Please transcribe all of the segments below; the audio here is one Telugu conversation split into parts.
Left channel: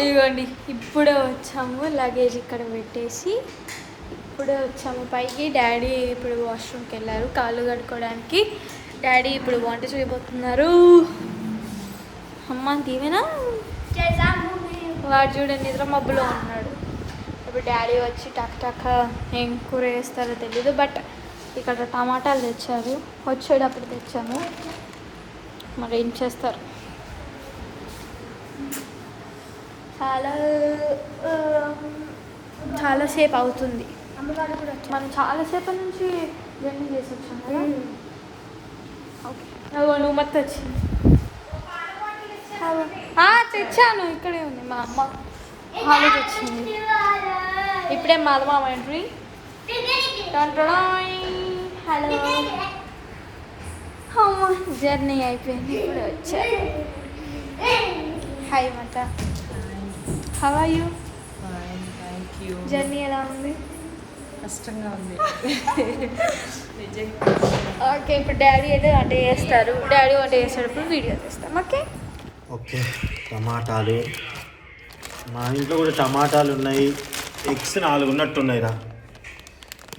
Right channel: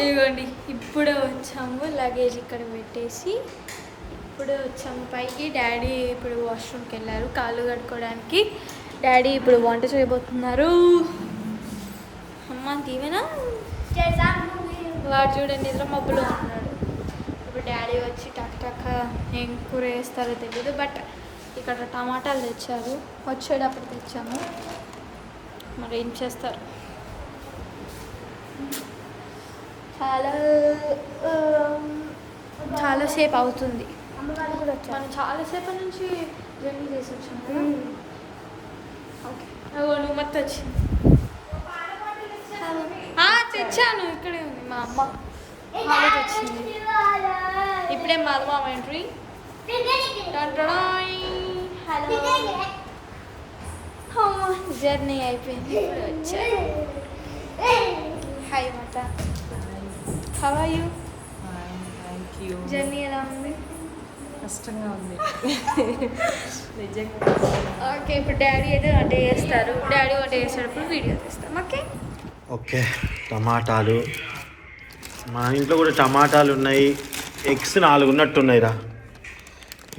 ఇదిగోండి ఇప్పుడే వచ్చాము, లగేజ్ ఇక్కడ పెట్టేసి ఇప్పుడే వచ్చాము పైకి. డాడీ ఇప్పుడు వాష్రూమ్కి వెళ్ళారు కాళ్ళు కడుక్కోవడానికి. డాడీ ఇప్పుడు వంట చేయబోతున్నారు. అమ్మ దీవెనా వాడు చూడండి నిద్ర మబ్బులో ఉన్నాడు. ఇప్పుడు డాడీ వచ్చి టక్ టక్ ఏం కూర వేస్తారో తెలీదు, బట్ ఇక్కడ టమాటాలు తెచ్చారు, వచ్చేటప్పుడు తెచ్చాము. మరి ఏం చేస్తారు. చాలాసేపు అవుతుంది. మనం చాలాసేపు నుంచి జర్నీ చేసి వచ్చాము. ఓకే నువ్వు మొత్తం వచ్చింది తెచ్చాను, ఇక్కడే ఉంది. మా అమ్మ హాలిడే వచ్చింది. ఇప్పుడే మా అమ్మ ఎంట్రీ. జర్నీ అయిపోయింది. హాయ్ మత, హౌ ఆర్ యూ? జర్నీ ఎలా ఉంది? కష్టంగా ఉంది. ఓకే ఇప్పుడు డాడీ అయితే వంట చేస్తారు. డాడీ వంట చేసేటప్పుడు వీడియో తీస్తాం. Okay okay. టమాటాలు మా ఇంట్లో కూడా టమాటాలు ఉన్నాయి. ఎగ్స్ 4 ఉన్నట్టున్నాయి రా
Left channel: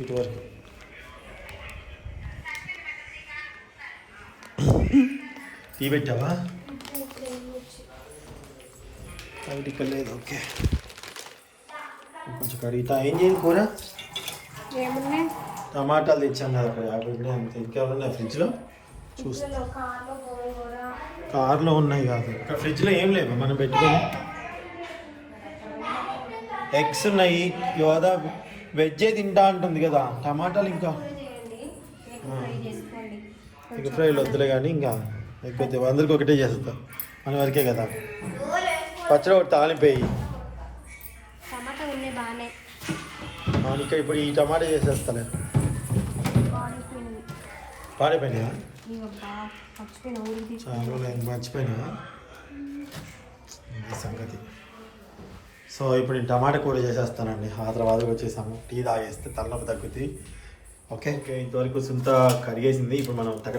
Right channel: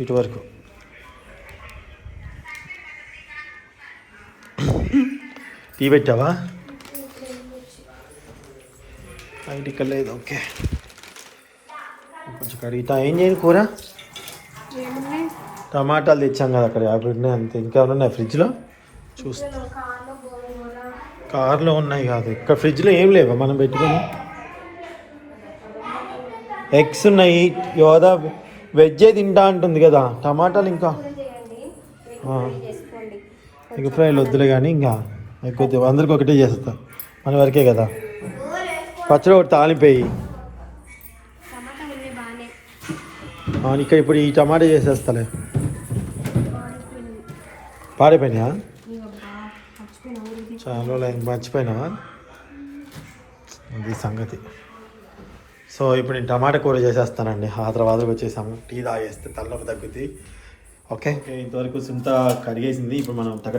ఇటు వరకు. టీ పెట్టావా? బయటికి లేదు. ఓకే కొంచెం కడిగితా. ఏం చేయను కూర? ఏమున్నాయి? టమాటాలు తెచ్చాం కదా అక్కడ 50 ఉన్నాయి అంతే. ఇంకా ఉన్నాయి ఫ్రిడ్జ్లో? చూస్తా. కార్లో ఉన్నాయి కాదు, ఇక్కడ ఫ్రిడ్జ్లో ఏం లేవా మనం పెట్టుకుని? ఎగ్స్ ఉన్నాయి. యోదా వెజ్జే తింటా అంటుంది కదా. టమాటాలు ఇంకా ఎగ్ ఫ్రైలు వద్దులే కానీ ఇంకా ఎక్కువ అందరికి ఒకటే చేస్తా, మన వరకే కదా. పచ్చడి ఒకటి తాలిపోయి ఇక్కడ ఇప్పుడు ఈ టమాటా చేసేస్తాలే. పాడిపోయినా చాలా మర్చిపోయినా అది సంగతి. సో ఇప్పుడు నేను టమాటా కూర చేసేస్తానండి. ఆ తర్వాత వచ్చేసాము. టీ తాగేస్తే తలనొప్పి తగ్గుతుంది. ఓకే ఇంతవరకు సింత కడిగేసింది. ఇప్పుడు మనం టక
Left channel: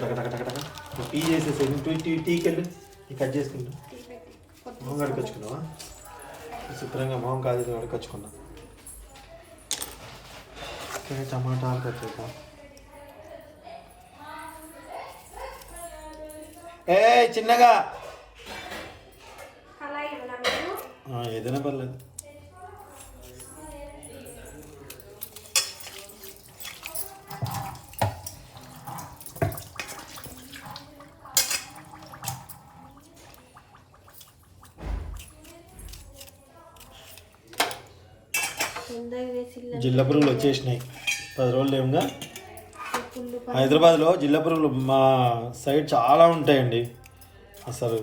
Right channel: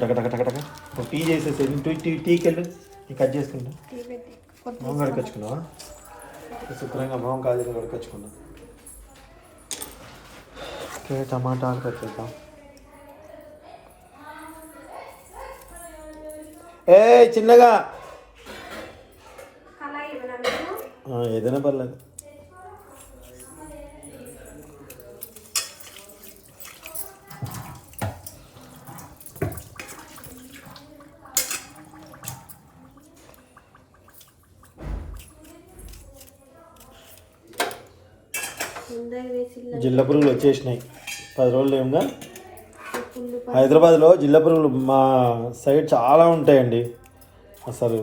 టీ చేసేసి టీకి వెళ్ళి కట్ చేసుకుంటాం. మొహం కడుకొచ్చుకున్నావా? శుభ్రంగా మొహం కాజేసి కడుకొచ్చుకున్నాం. ఓకే టమాటాలు కట్ చేద్దాం. ఏ చిన్నగా ఏదైనా పర్లేదు. జిల్లా పురుగులు వచ్చేసినాయి. 10 రోజులు ఏముగా. హైదరాబాద్లో జిల్లా పురుగులు మా సైడ్ చాలా ఉంటాయండి. అసలు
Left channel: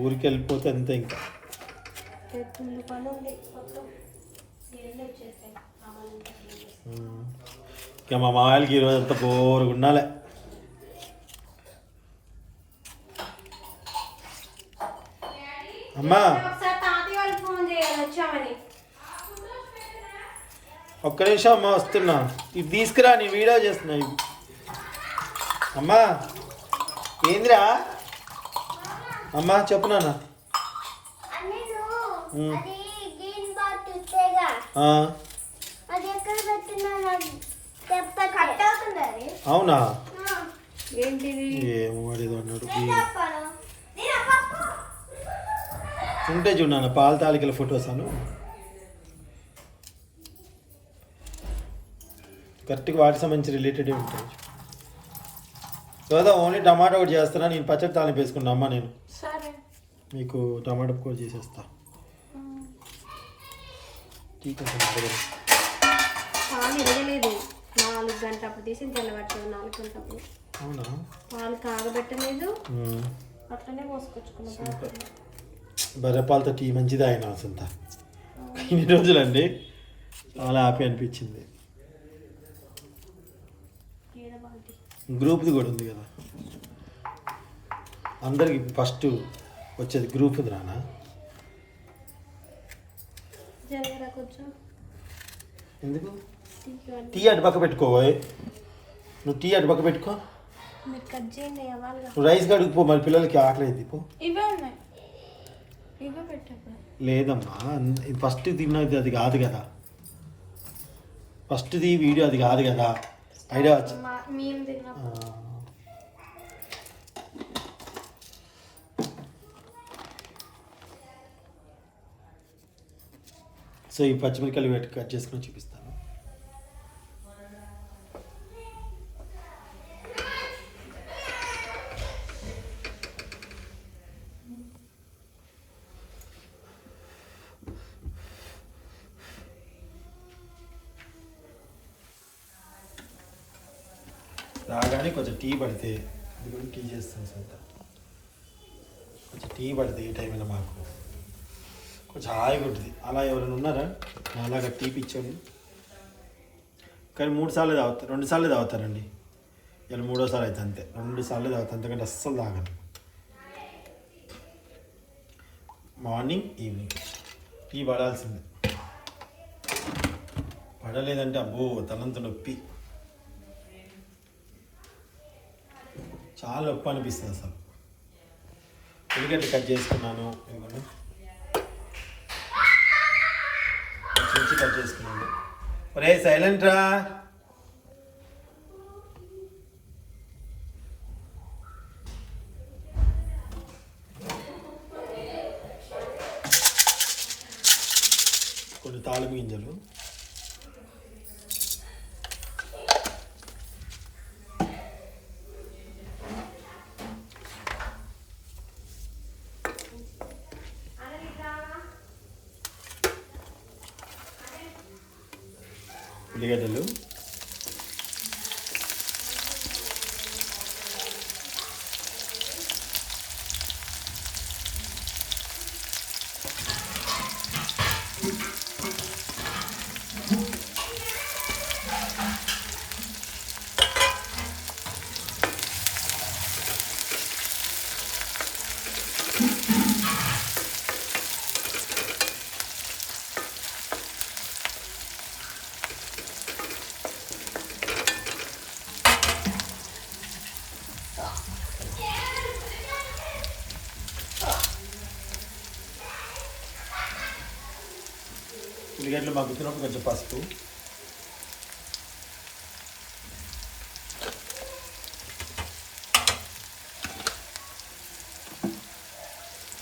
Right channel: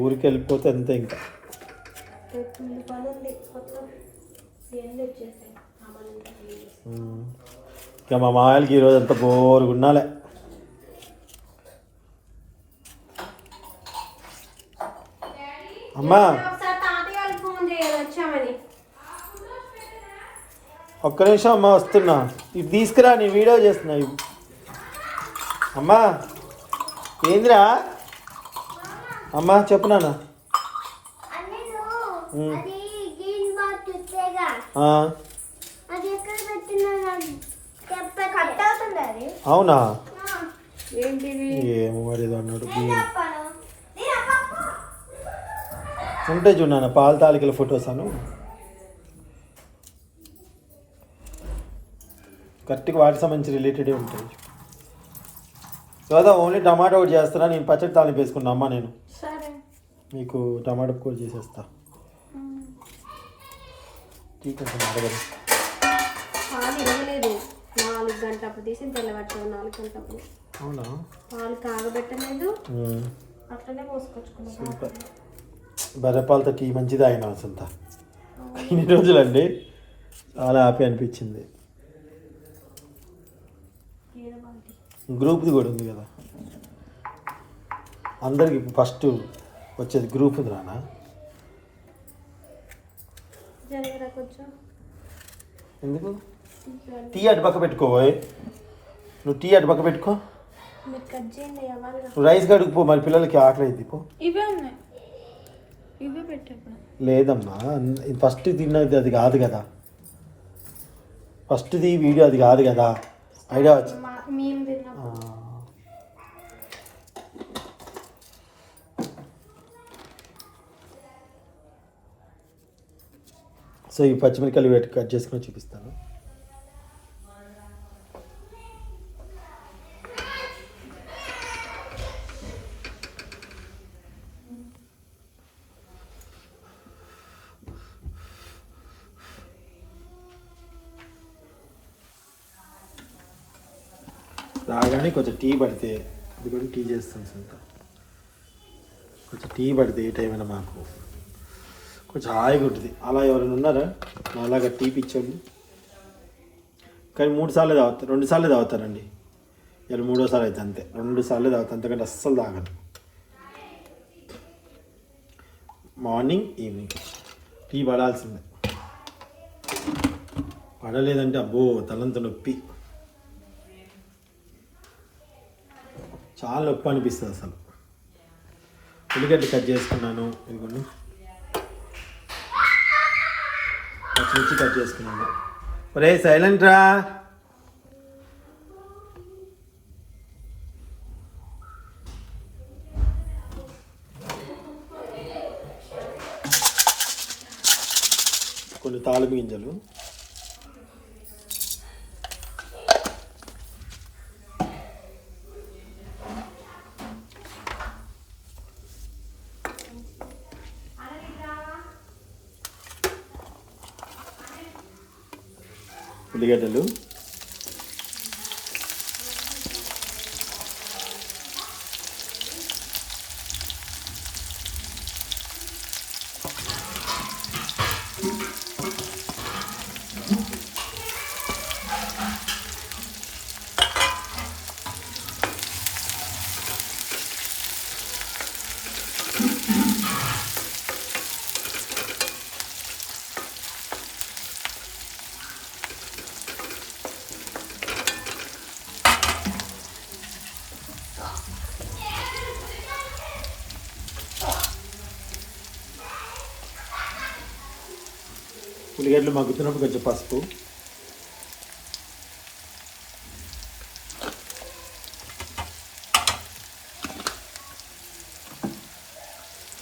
ఊరికి వెళ్ళిపోతే అంతే. ఇంకా ఇంకా మా మాయలకి ఈరోజు అంత బోరుగా ఉండాలి. అమ్మా ఒక్క నిమిషం అమ్మా వస్తున్నా. ఇది తీసుకురా, నీ వీడియో చేస్తున్నా. అమ్మా ఏందిరా? అమ్మా చెప్పు నాన్న. అవునా? ఏమో మరి అన్నాడు. ఉంటే చూడన్నా పాల తాలికల ఫొటోస్ అను కరెక్ట్గా వాటికి సంబంధించి రిలేటెడే ఉంటాయి. కదా ఓన్లీ టమాటో ఒకటి చేస్తానా, నేను పచ్చడి తాలింపు వేసుకున్నా. అమ్మ నేను మీకు టమాటో కూడా చేసేస్తా. పాలు ఇరగలేదు. 4 గంటలప్పుడు తీసి తెల్లబట్టలేదు. 4 గంటలప్పుడు. అవునా? పాలు కాగబెట్టలేదు, అట్లనే పోసుకొచ్చుకున్నాం. బర్రెపాలతో టీ మంచిది ఆయన అసంత. ఇన్ని రోజులండి చాలా హ్యాపీ అనిపించింది. గ్రూప్ది కూడా ఉంది కదా అందరికి. ఫస్ట్ వచ్చేది గ్రూప్ రానా? ఎందుకు? టీ అటు పక్క పెట్టుకోబోయ్. నువ్వు టీ అటు పక్క పెట్టుకో. నువ్వు రైస్ కడుగుపో, మరి పిల్లలకి ఆకలి అయింది. పో ఇవే పెట్టాము. లేదమ్మా, ఫస్ట్ తిన్నది అది కాదు కదా, ఫస్ట్ది వీడియో అది కాదు కదా. ఐడియా వచ్చి మేము తిన్నాము. సో ఈ పచ్చిమిరకాయలు వేటి కట్ చేసుకొని చూపిస్తాను. రాగానే కొంచెం టీ పడితే, ఇది కూడా టీ చేస్తాను సొంత, కొంచెం టీ పడితే ఏ టైం అయినా మాకు కొంచెం హాయిగా ఉంటుంది. అలా ఎవరైనా ఉన్నారా అలాగా టీ పిచ్చోళ్ళు? కానీ 3 సార్లు తాగుతారు, 2 సార్లు తాగుతారండి. ఇలా 3వ సారి అయితే అంతే, 2 సార్లు తాగుతారు, అంతకంటే అస్సలు తాగను. మార్నింగ్ ఈవినింగ్ టీ పడాల్సిందే, పడలేదంటే అబ్బో తలంత నొప్పి, చాలా నొప్పి అనిపిస్తుంది అసలు. ఉల్లిగడ్డ కట్ చేసుకున్నాను, ఇదిగోండి పచ్చిమిర్చి కట్ చేసుకున్నాను. ఒరే సైలెంట్ రా. కొన్ని తాలింపు గింజలు, ఉల్లిగడ్డలు, ఉల్లిగడ్డలు మగ్గుతున్నప్పుడు కొంచెం పసుపు,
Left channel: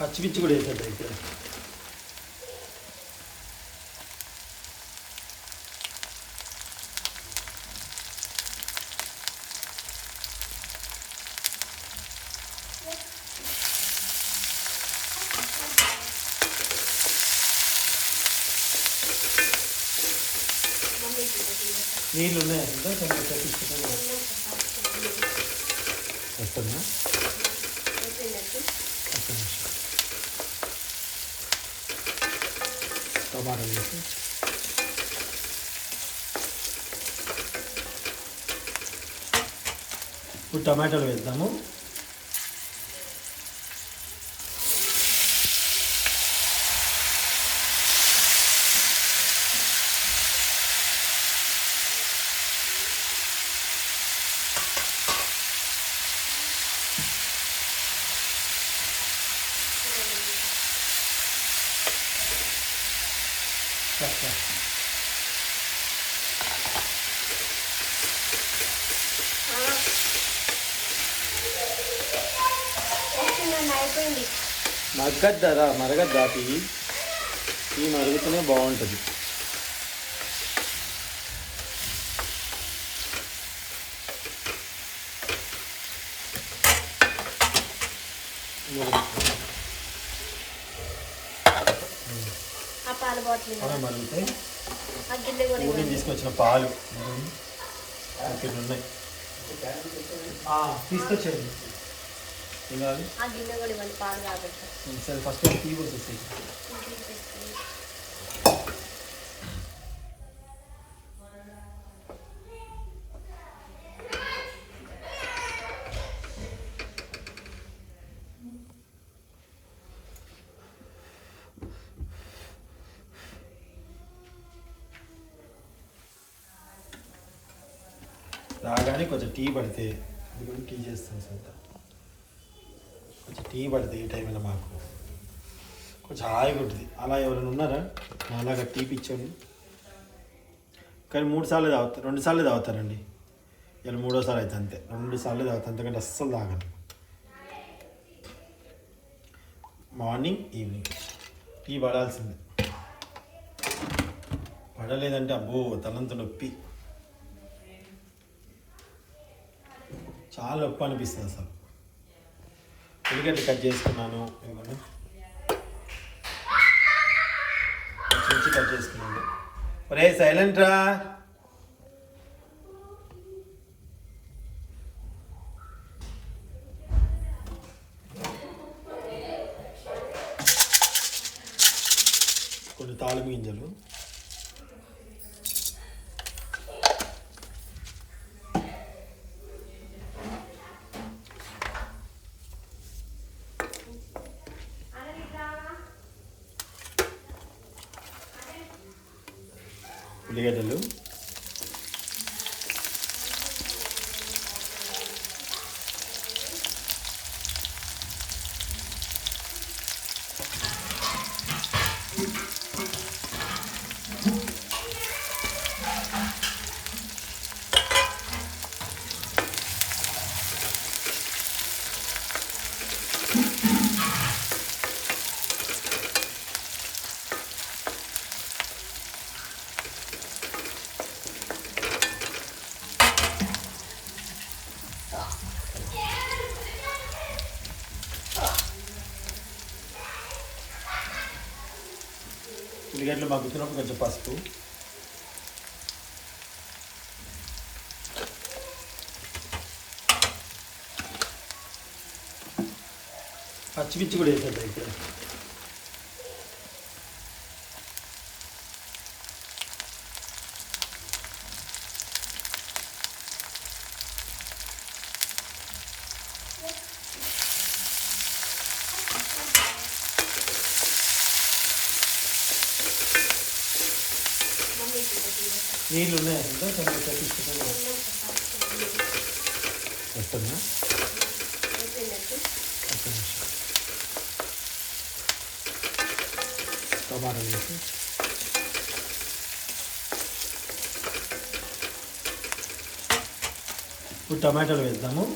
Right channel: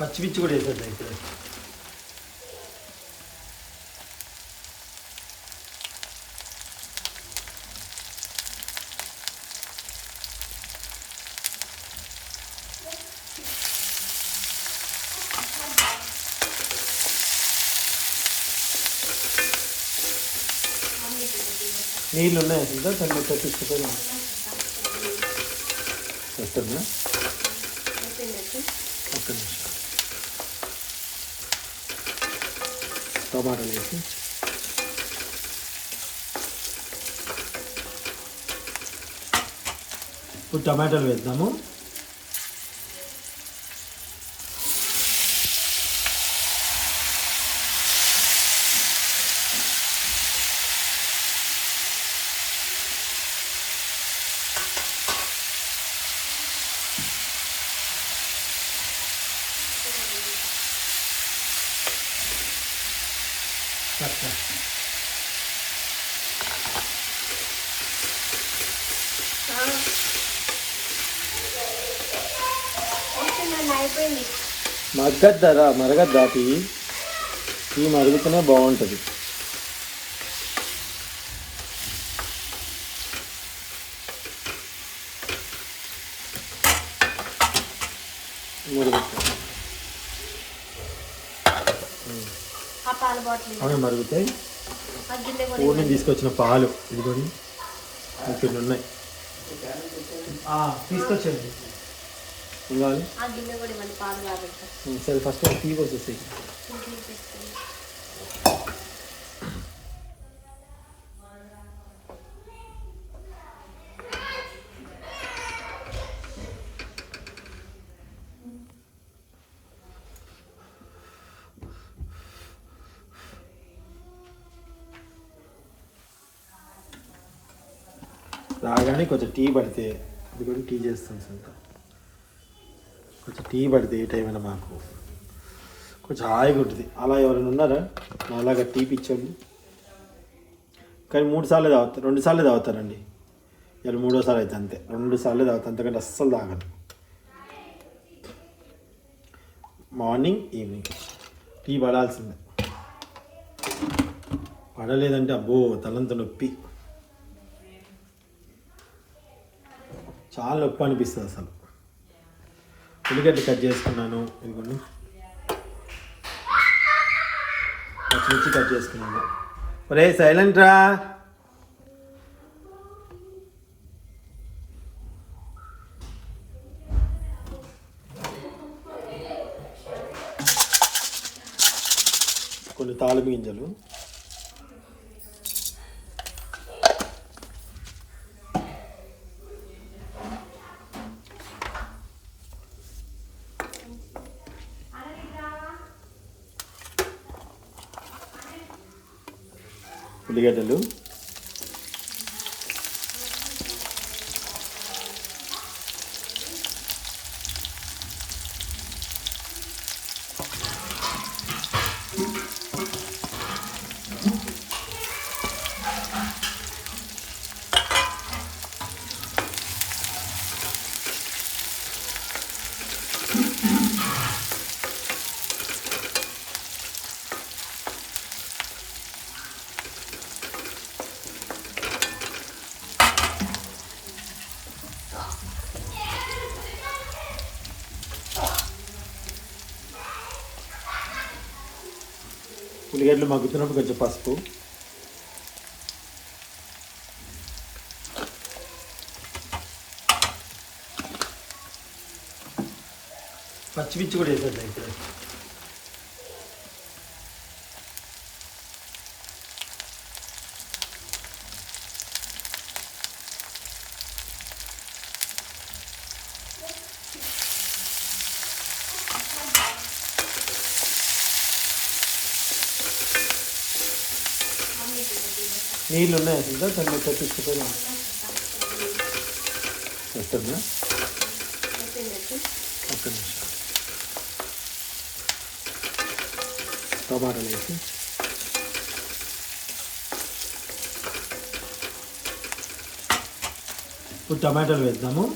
పచ్చిమిర్చి కూడా వేసేది అయితే. నీళ్ళు ఉన్నాయి కదా, కొంచెం తెప్పించుకుంటే వస్తుందా? టమాటా వేసి ఇప్పుడు టమాటాలు వేద్దాము. అయిపోయింది. మగ్గద్దా మరగద్దా టీ మరుగుతూనే బాగుంటుంది. మరుగుతాయి. ఊరిని తీసుకొచ్చిన పాలు ఇదిగోండి, ఇక్కడ ఉన్నాయి, తీసుకొచ్చేది. ఇవ్వాలి సరే, ఫస్ట్ టీ వచ్చేసి రాగానే కొంచెం టీ పడితే, ఇది కూడా టీ చేస్తాను సొంత, కొంచెం టీ పడితే ఏ టైం అయినా మాకు కొంచెం హాయిగా ఉంటుంది. అలా ఎవరైనా ఉన్నారా అలాగా టీ పిచ్చోళ్ళు? కానీ 3 సార్లు తాగుతారు, 2 సార్లు తాగుతారండి. ఇలా 3వ సారి అయితే అంతే, 2 సార్లు తాగుతారు, అంతకంటే అస్సలు తాగను. మార్నింగ్ ఈవినింగ్ టీ పడాల్సిందే. పడలేదంటే అబ్బో తలంత నొప్పి, చాలా నొప్పి అనిపిస్తుంది అసలు. ఉల్లిగడ్డలు కట్ చేసుకున్నాను, ఇదిగోండి పచ్చిమిర్చి కట్ చేసుకున్నాను. ఒరే సైలెంట్ రా. కొన్ని తాళపు గింజలు, ఉల్లిగడ్డలు, ఉల్లిగడ్డలు మగ్గుతున్నప్పుడు కొంచెం పసుపు, పచ్చిమిర్చి కూడా వేసేది అయితే. నీళ్ళు ఉన్నాయి కదా, కొంచెం తెప్పించుకొని వస్తుందా? టమాటా వేసి ఇప్పుడు టమాటాలు వేద్దాము.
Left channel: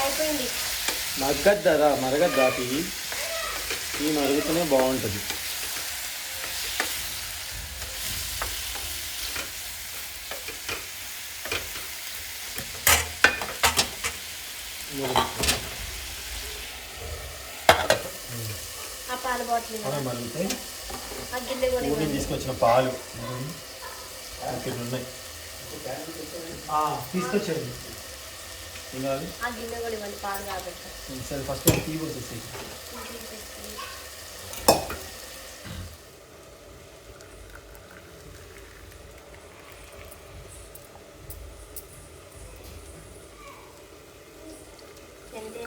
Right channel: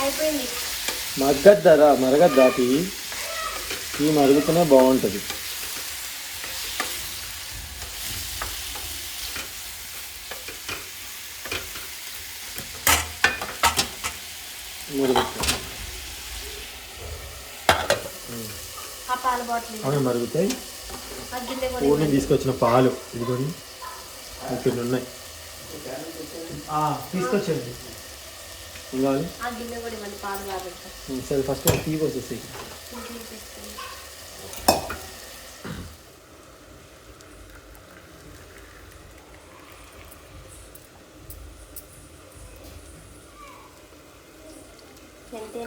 అయిపోయింది. మరగద్దా టీ మరుగుతూనే బాగుంటుంది. మరుగుతాయి. ఊరిని తీసుకొచ్చిన పాలు ఇదిగోండి, ఇక్కడ ఉన్నాయి, తీసుకొచ్చండి. సరే ఫస్ట్ టీ వచ్చేసి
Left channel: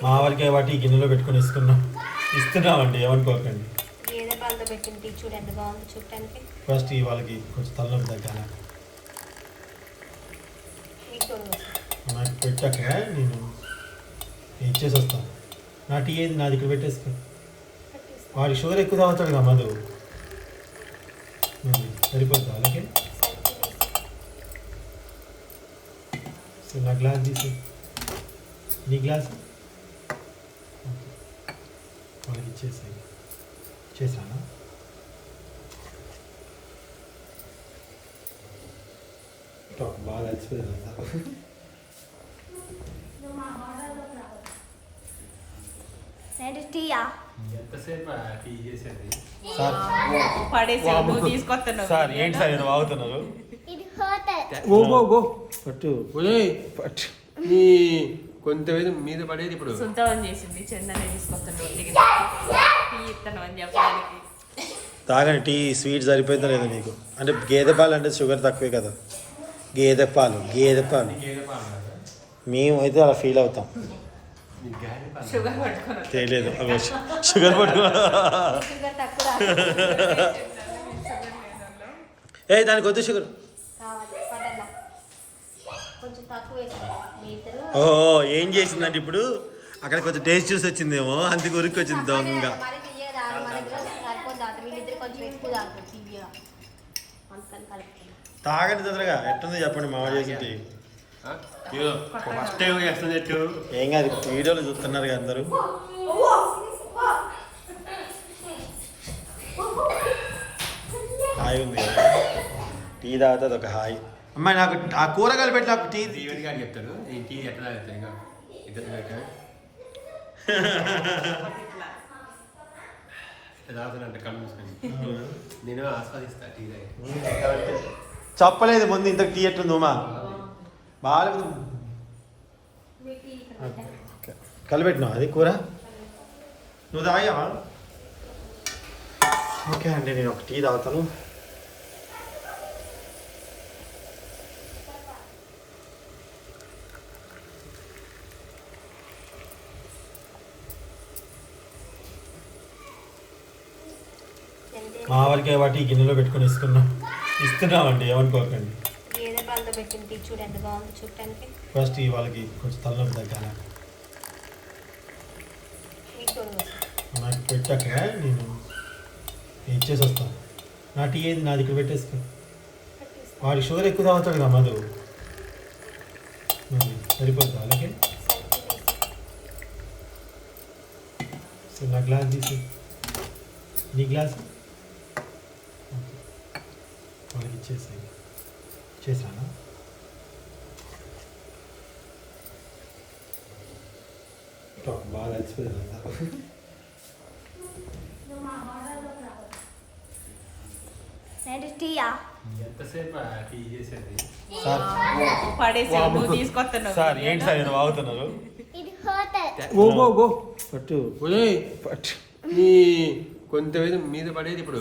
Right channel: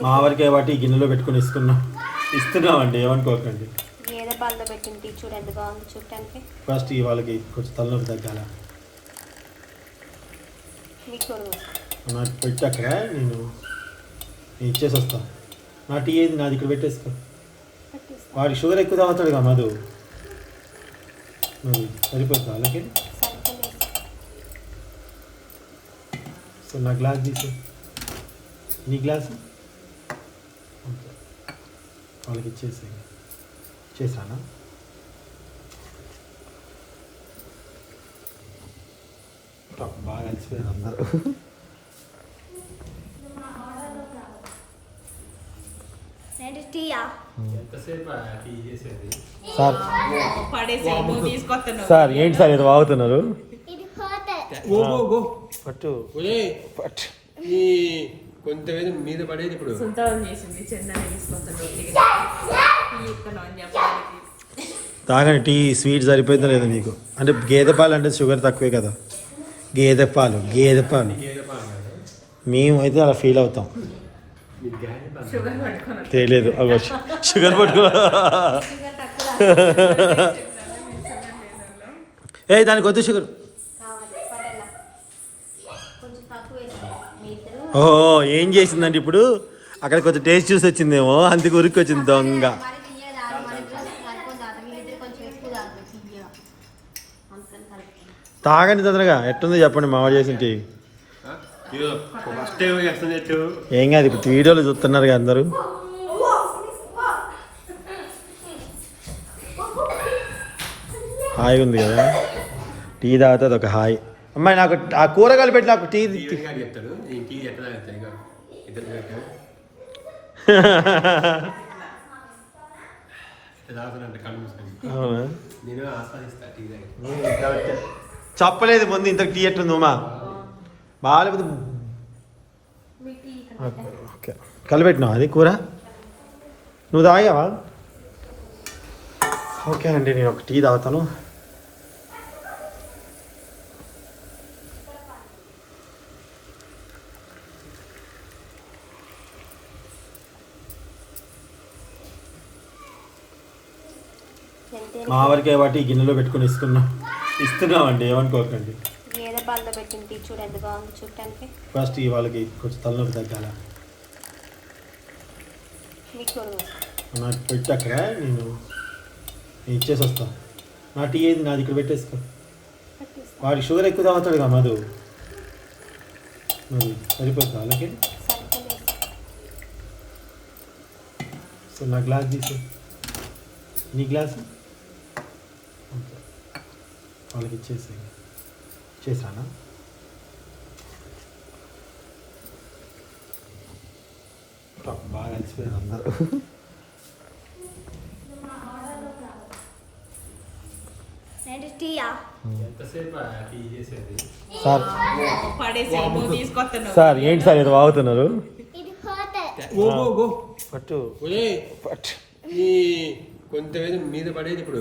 మావరికి వాటి గిన్నెలో పెట్టుకుని ఇస్తున్నామండి, ఏమనుకోకండి. ఫస్ట్ వాళ్ళకి కొంచెం తలనొప్పి తగ్గాల నాకు పెట్టాక నేను ఇచ్చేసి వస్తాను. నా టీ ఏది నాది ఇక్కడ పెట్టేసుకో. వాడికి షుగర్ ఎక్కువ తాగుతాడు కదా మధు, మరి సరిపోతుంది అలాగే. సో నా గ్లాస్ తీసి నీ గ్లాసు వాళ్ళకి ఇచ్చేసానా? బాగా అలసిపోయారు అందరూ. సార్ ఏంటి సార్ ఏదో వాగుతున్నారు? పట్టు కొంత మీద పడేది ఇప్పుడు చేసింది, చందన తీసుకొస్తాడు. తాగండి టీ స్వీట్ సరిపోయిందో లేదు మీకు అంటే గేదె పాలు అంటే షుగర్ తక్కువే కదా గేదె పాలు మేము అయితే అలా ఫీల్ అవుతాం తెలియదు అగో షుగర్ పట్టుకో ఏ దానికి వద్దు షుగర్ కొంచెం తక్కువ వేసాను. ఓహో ఏం చేసిందంటే ఇప్పుడు అక్కడ కొంచెం టేస్ట్ చూసి వచ్చిందేమో అందుకు ఉరికి వచ్చింది దొంగ మరి తీయగా సరిపోతుంది అట వీళ్ళిద్దరు కొంచెం ఎక్కువ తాగుతారు తీయగా అందుకని కలుపుతుంది. తాగండి తొందరగా ఎట్టుందో చెప్పండి మావాడు చేసింటి ఫస్ట్ టైం చేస్తుంది ఎట్టు ఏం కాదు ఇప్పుడు వీడియోలు చూస్తున్నారు కదా అందరూ హాయిగా ఉంది కదా టీ తాగితే అదొక హాయ్ అమ్మాయి నాకు ఆ కూరగాయలు పెట్టి నాకు టీ ఈవిడిగా చెప్తాడు నేను టీ ఎట్లా తాగుతాయి ఇక ఇద్దరు పెట్టాడు ఇట్లా తాగుతానంట కళ్ళు మూసుకొని అవునా నేను ఆస్వాదిస్తా టీ తాగి చెప్పలేదు ముందు ఇంత టీ ఎట్టుంది ఉమా బాగాలేకపోతే ఓకే కలిపెట్టినావు అది కూర నువ్వు తాగావా ఓకే అండి నేను ఒక టీ తాగుతాను మా వరకే వాటి గిన్నెలో పెట్టుకుని ఇస్తున్నామండి ఏమనుకోకండి గేదె పాలతో పెట్టిన టీ చూడు ఎంత బాగుంది చూడటానికి. ఫస్ట్ ఈ వాళ్ళకి కొంచెం తలనొప్పి తగ్గాల మీకు నాకు పెట్టాక నేను ఇచ్చేసి వస్తాను నా టీ ఏది నాది ఇక్కడ పెట్టేసుకో వాడికి షుగర్ ఎక్కువ తాగుతాడు కదా మధు మరి సరిపోతుంది వాళ్ళకి సో నా గ్లాస్ తీసి నీ గ్లాస్ ఓకే వాళ్ళకి ఇచ్చేసానా బాగా అలసిపోయారు అందరూ టీయా ఎంతసేపు టీ చేసేది సార్ సార్ ఏంటి సార్ ఇది వాగుతున్నారు గో గో గో పట్టు ఒరేయ్ పట్టు నీ కొంత మీద పడేది ఇప్పుడు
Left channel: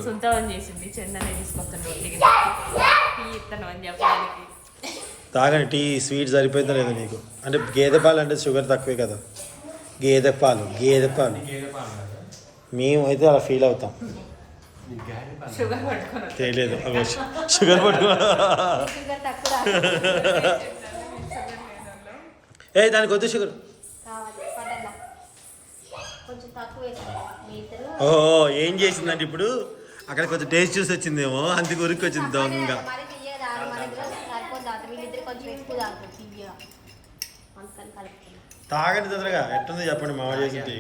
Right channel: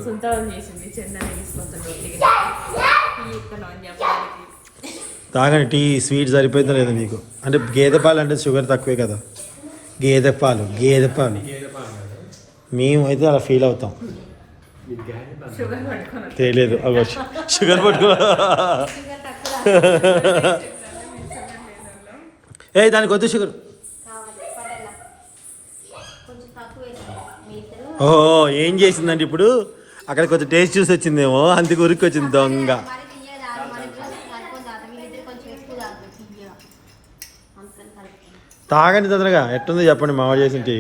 తాగండి టీ స్వీట్ సరిపోయిందో లేదు మీకు అంటే గేదె పాలు అంటే షుగర్ తక్కువే కదా గేదె పాలు గేదె పాలు కదా మేము అయితే అలా ఫీల్ అవుతాం నీకు గేదె పాలు తెలియదు అగో షుగర్ పట్టుకో ఏ దానికి వద్దు షుగర్ కొంచెం తక్కువ వేసాను. ఓహో ఏం చేసిందంటే ఇప్పుడు అక్కడ కొంచెం టేస్ట్ చూసి వచ్చిందేమో అందుకు ఉరికి వచ్చింది దొంగ మరి తీయగా సరిపోతుంది అట వీళ్ళిద్దరు కొంచెం ఎక్కువ తాగుతారు తీయగా అందుకని కలుపుతుంది. తాగండి తొందరగా ఎట్టుందో చెప్పండి మావాడు చేసింటి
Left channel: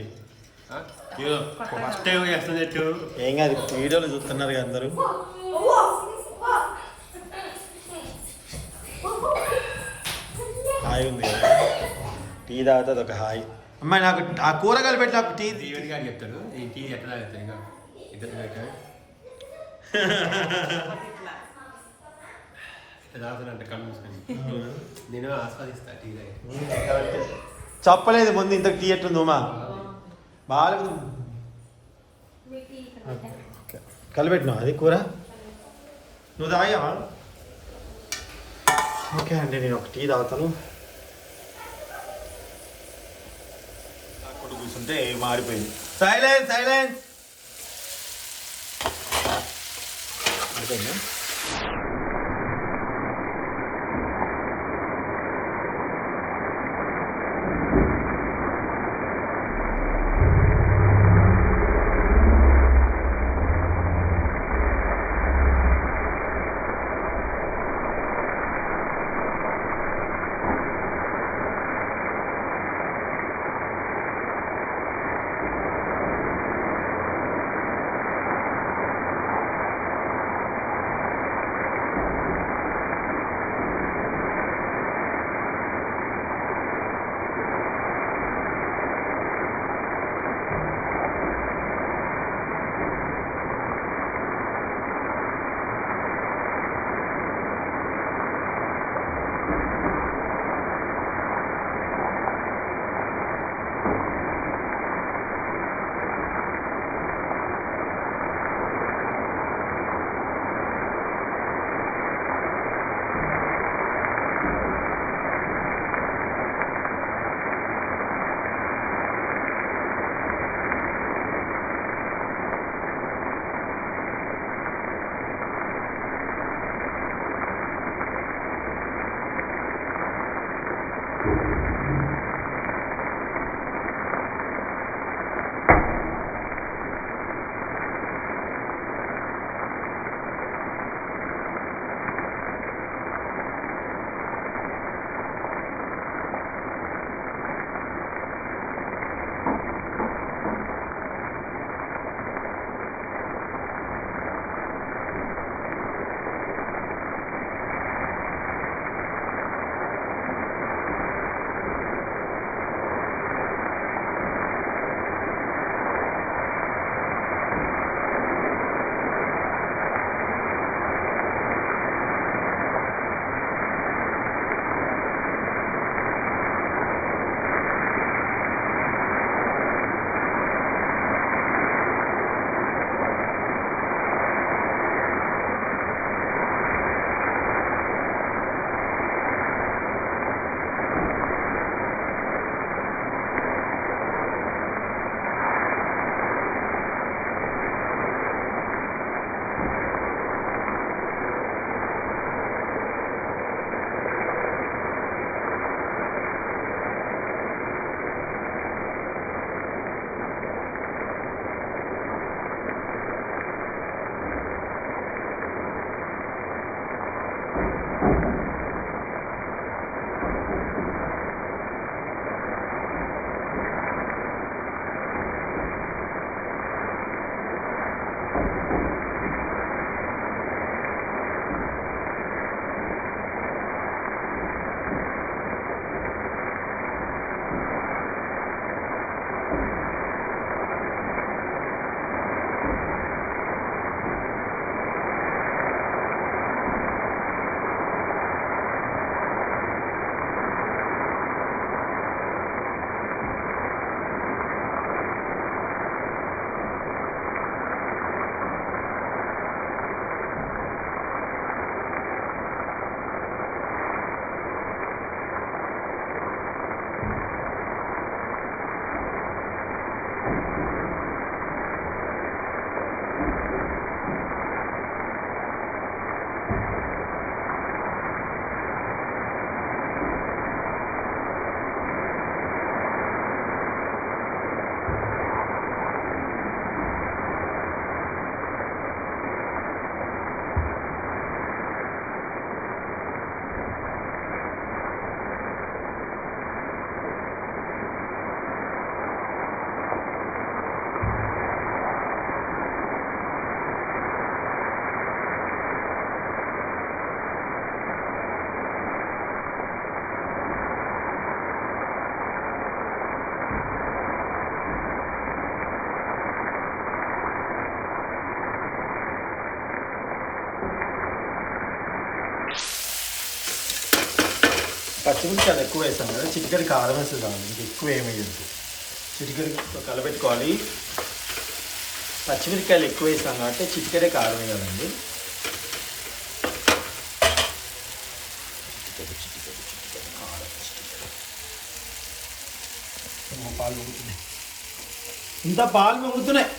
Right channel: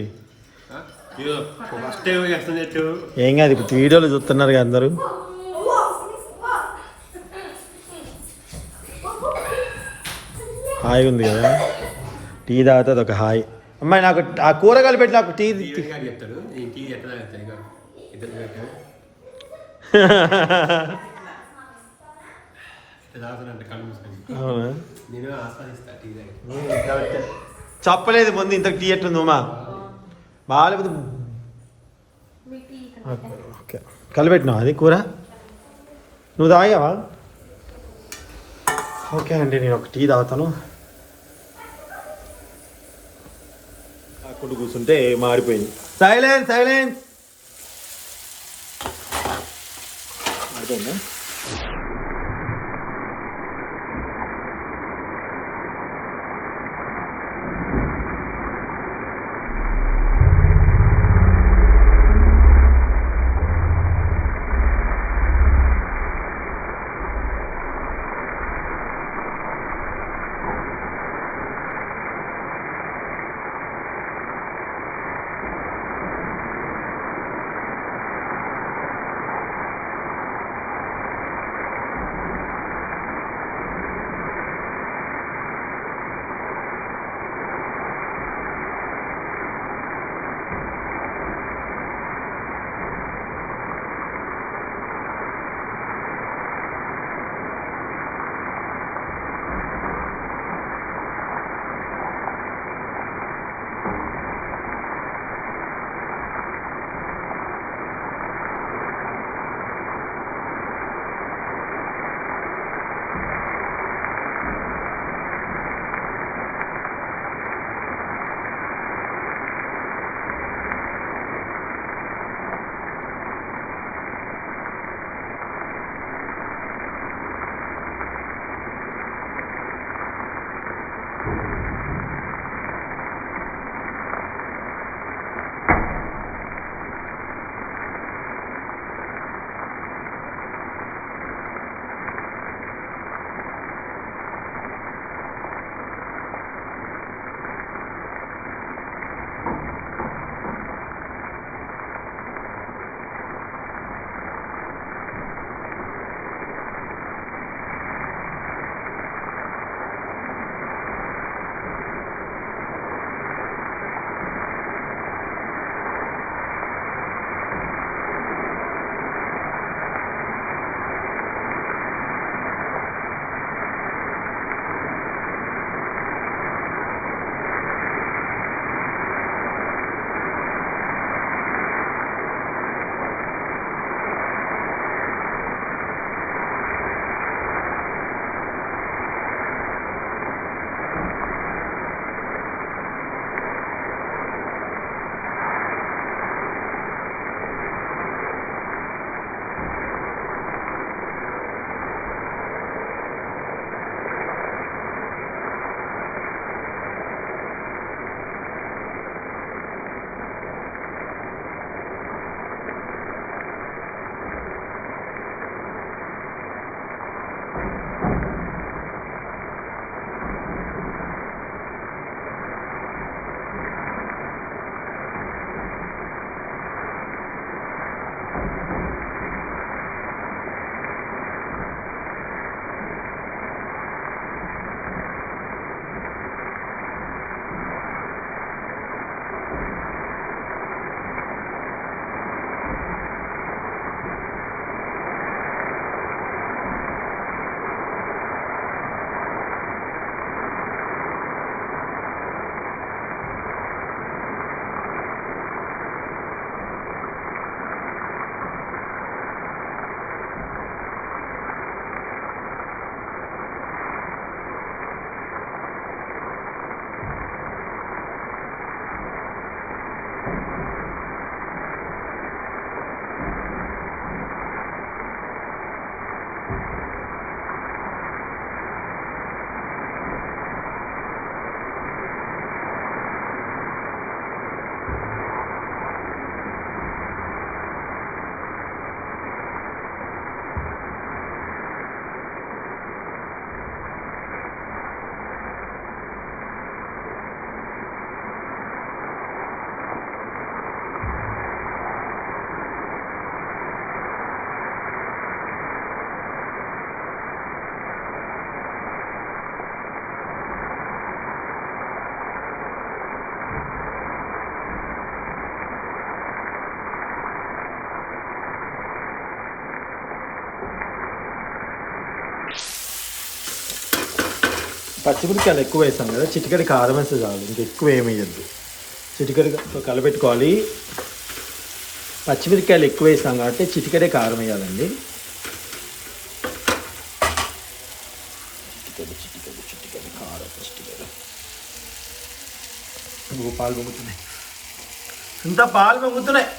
ఫస్ట్ టైం చేస్తుంది ఎట్టు ఏం కాదు ఇప్పుడు వీడియోలు చూస్తున్నారు కదా అందరూ హాయిగా ఉంది కదా టీ తాగితే అదొక హాయ్ అమ్మాయి నాకు ఆ కూరగాయలు పెట్టి నాకు టీ ఈవిడిగా చెప్తాడు నేను టీ ఎట్లా తాగుతాయి ఇక ఇద్దరు పెట్టాడు ఇట్లా తాగుతానంట కళ్ళు మూసుకొని అవునా నేను ఆస్వాదిస్తా టీ తాగి చెప్పలేదు ముందు ఇంత టీ ఎట్టుంది ఉమా బాగాలేకపోతే ఓకే కలిపెట్టినావు అది కూర నువ్వు తాగావా ఓకే అండి నేను ఒక టీ తాగుతాను అప్పుడు కూర్చుంటే మాడిపోయింది సైలెన్స్ సైలెన్స్ పచ్చిమిరపకాయలు ఎక్కువ వేస్తాం కదా, చిటికెడు కారం వేస్తే చాలు, ఇంకా ఎక్కువ ఏమయ్యద్దు. చిటికెడు కలబెట్టుకోవాలి. పచ్చిమిరపకాయలు ఎక్కువ వేస్తాం కాబట్టి చిటికెడే కారం వేయాలండి. పాలు పొంగుతున్నాయి, ఇంత పాలు పొంగుతున్నాయి.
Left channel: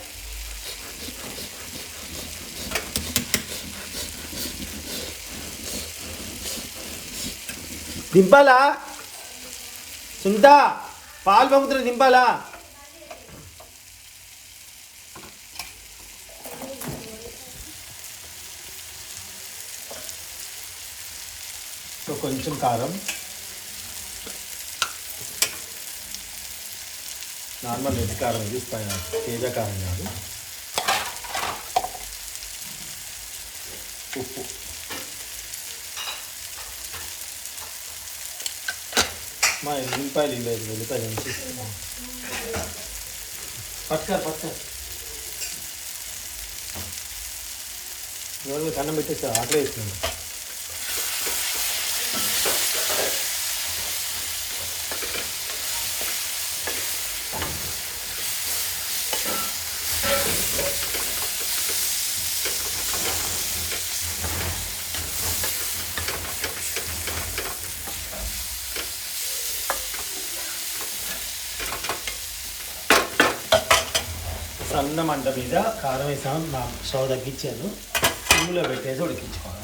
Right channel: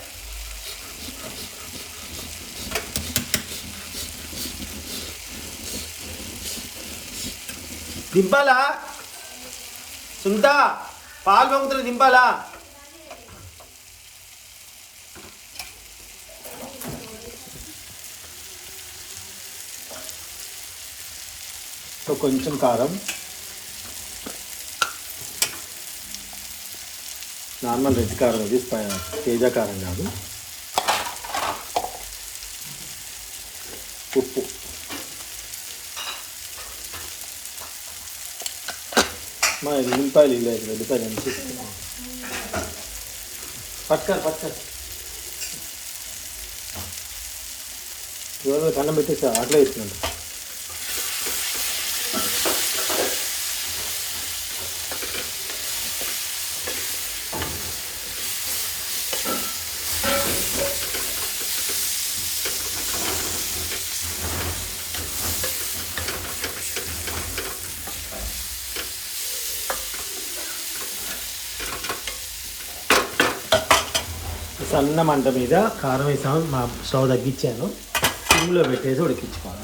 దింపాలా సుంత? పాలు పొంగుతున్నాయి, దింపాలా? సో కొంచెం కారం, నార్మల్ రెడ్ కారం, అది తేజ కారం కాదు. ఉప్పు, మా ఎల్లిపాయలు లేదు, ఎల్లిపాయలు ఎంత పట్టుకారు ఇవాళ కన్నం పెట్టేసి అట్లా వేస్తున్నాను. సన్న మంట మీద కారం వేసాము, మా స్టవ్ తగ్గించాను, సిమ్లో పెట్టేసి ఉడికించుకోవాలి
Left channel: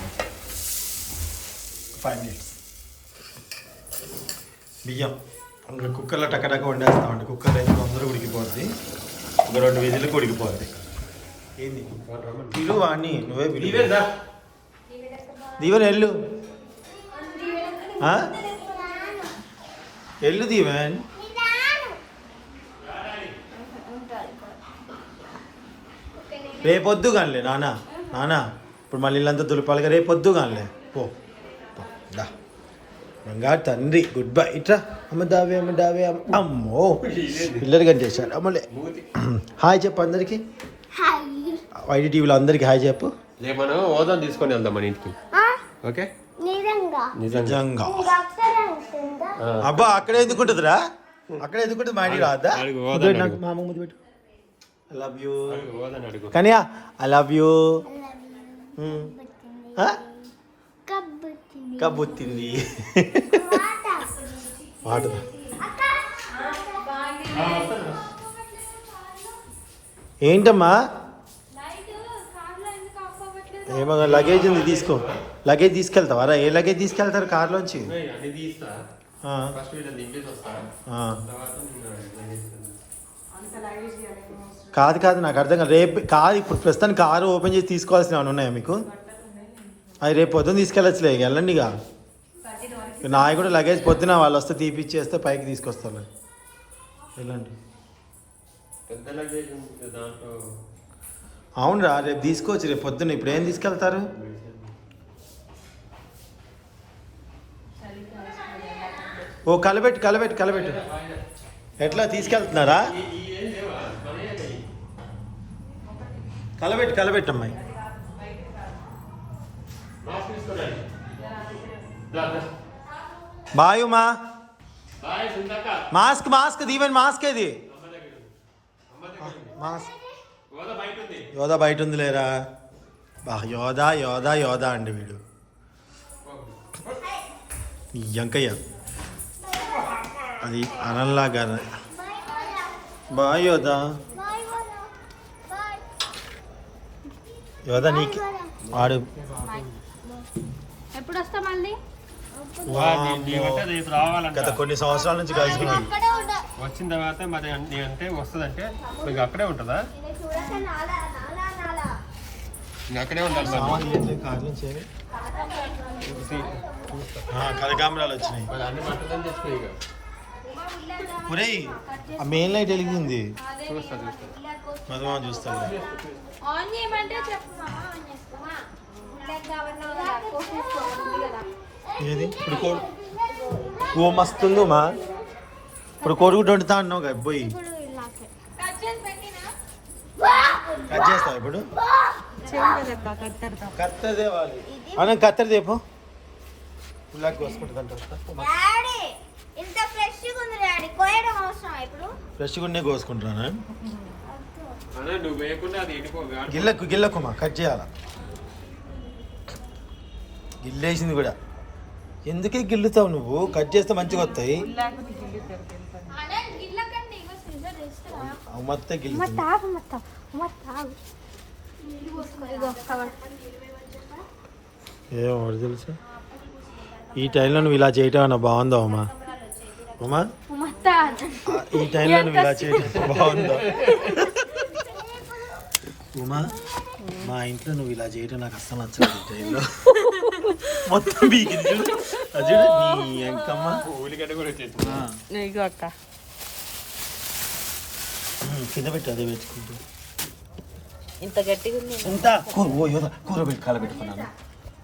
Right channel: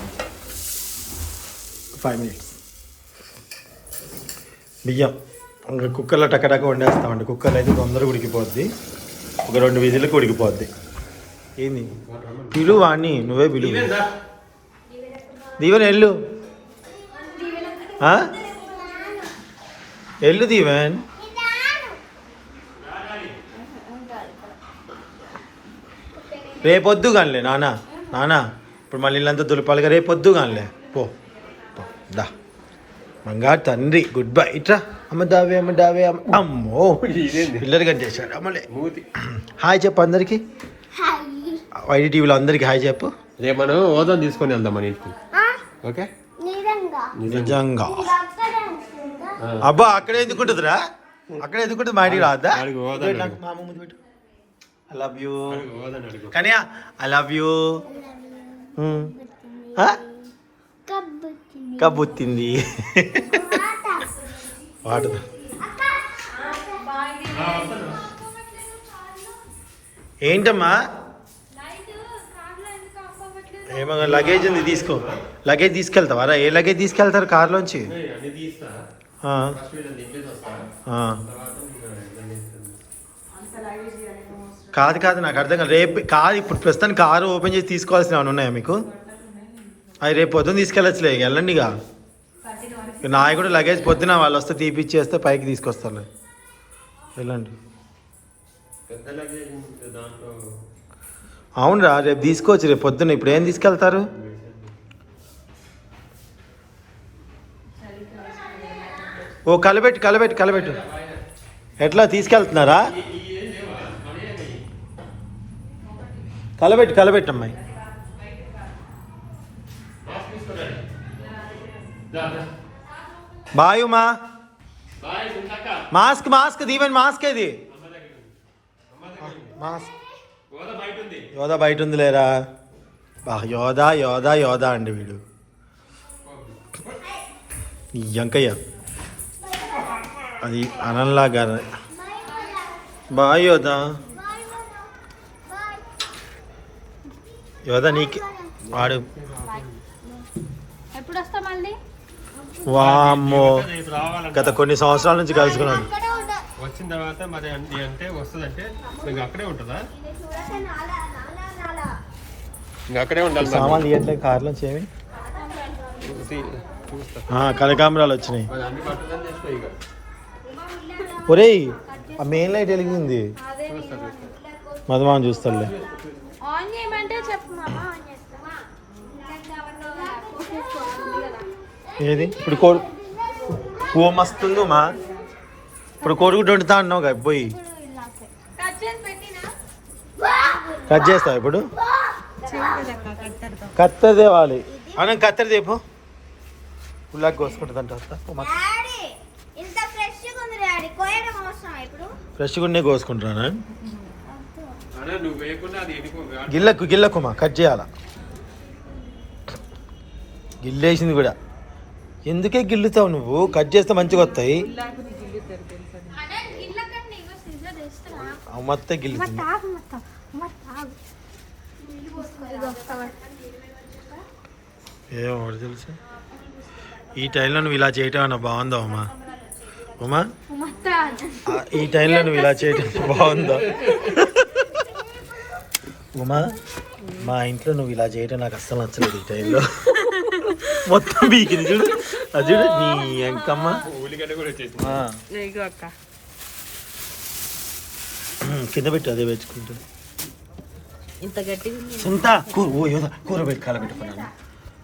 5 minutes. బియ్యం ఇంకా కుక్కర్లో టక్కటక్క వండేస్తామండి. కుక్కర్లో అయితే తొందరగా ఉడికిపోద్ది, ఒక 2 విజిల్కి ఉడికిపోద్ది. ఏంది పిలువు వాణ్ణి, నువ్వే పిలువు. దీవెన్ ఎల్లు, ఎల్లు దీవెన్. రేపొద్దు కానిలే నాన్న ఇప్పుడు మళ్ళీ ఇల్లంతా దులిపాలిగా, రేపొద్దు కానిలే. పో దా మంగారు తండ్రి, గుడ్ బై. ఇట్రా అమ్మ దావే అమ్మో పిల్లలు కనిచేశాడు అమ్మలే. హాయ్ చెప్పు అందరికి, వైడి టీవీలో అందరికి హాయ్ చెప్పు. రేపు మనం హోదా తీసుకొని వెళ్దాం మన ఇంటికి. ఓకే నిజంగా అబ్బా అక్కడే ఎందుకుంటుందిరా, అక్కడే ఎందుకుంటుంది, మా ఇంటికి రాదా? మా అమ్మ ముందు పెట్టు. I love you. Kania, I love you. Kabutindi. Water. ఏంటమ్మా ఏమన్నా లగేజ్ ఉంది తీసుకో. లగేజ్ తీసుకెళ్తావారా? ఏ లగేజ్ తీసుకెళ్తారు కార్లోంచి? కాదు నాకు అర్థం కాదు. రేపు కాదు, ఇప్పుడు ప్రస్తుతానికి కారు ఓపెన్ చేసి తీసుకోవాల్సిన ఏమైనా ఉన్నాయా మీకు? అవి రేపు పొద్దున్న తీసుకెళ్ళచ్చులే, వెళ్ళండి. ఇక నాయ కూడా లగేజ్ పొద్దున వాళ్ళు వస్తే తీపిచ్చేస్తే పైకి తీసుకొస్తారు, వెళ్ళండి. అవునరా రేపు తీసుకోవచ్చు, రేపు పొద్దున్న. ఇప్పుడు ఏం తీసుకెళ్తారు? ఓ కలబెట్టు. ఎట్లా తీసుకెళ్తున్నారా? కలబెట్టు అమ్మాయి. బాయ్ ఉమా. మాస్క్ దీవెన్ మాస్క్ ఏది? మాస్క్ యోధా బయట ఉంది లేరా? యోధా అండి వీడు. ఎంకయ్య అది అనంలాగా. బాయ్ యోధా. యోధ నీకు ఆడు. ఎప్పుడు వస్తా మళ్ళీ? వామ్మో రేపు రావాలంట. గత కొన్ని సంవత్సరాల నుంచి కలుసుకున్నాను. వచ్చిన తర్వాత మరి అంటే వస్తుందంటే ఇంక అక్కడే ఉంటుందా? ఇంకా అక్కడే ఉండాలి. సామాన్లు ఇవ్వట్లే కార్లో చేయి. కనకాంబరాలు వచ్చినాయి. మరి అన్ని పట్టుదని చెప్పి ఇక ఒరేయ్ ఆ మెయిన్ లైట్ వెలిగింది. మధుమాన్ చూస్తాలే. ఆన్ చేయమంటే చెప్పు. ఏది ఇప్పుడు ఓ మస్తుంది మా. ఇప్పుడు కోడిగుడ్డు వండుతా అన్నావు కదా పోయి. కట్ చేస్తావు ఇప్పుడు? కత్తెర తేవాలి. అన్న కత్తెర తేపో. ఉల్లాకి కోసుకుంటుంది అంట. ఫ్రెష్గా ఉండే కోసుకుంటున్నాను. అదే నువ్వు వేయకుండా అది ఎండిపో. గిల్లకుమా కట్ చేయాల. గిల్లేసింది కూడా. ఎందుకే గిల్లుతావు నువ్వు? కట్ చేస్తే మంచిగా వస్తాయి. మొత్తం గిల్లుతుంది. ఏమో తెలుసు. ఈ టైంలో నువ్వు ఇలా చేయటం అన్న బాగుందా ఉమా? ఉమా ఈ టైంలో నువ్వు ఇలా చేయటం బాగుందా ఉమా? మా ఇంట్లో నువ్వు ఇలా చేయటం నాకు అస్సలు నచ్చలేదు. ఈ టైంలో మొత్తం బీకింది చూడు. అది చూడు నీ ఎంకమ్మ. ఉల్లిగడ్డ కూడా వచ్చేసి కింద పెట్టి అదే పెట్టుకుంటా. ఇంత గట్టిగా ఇంత కూర పెట్టి కలబెట్టుకున్నాను.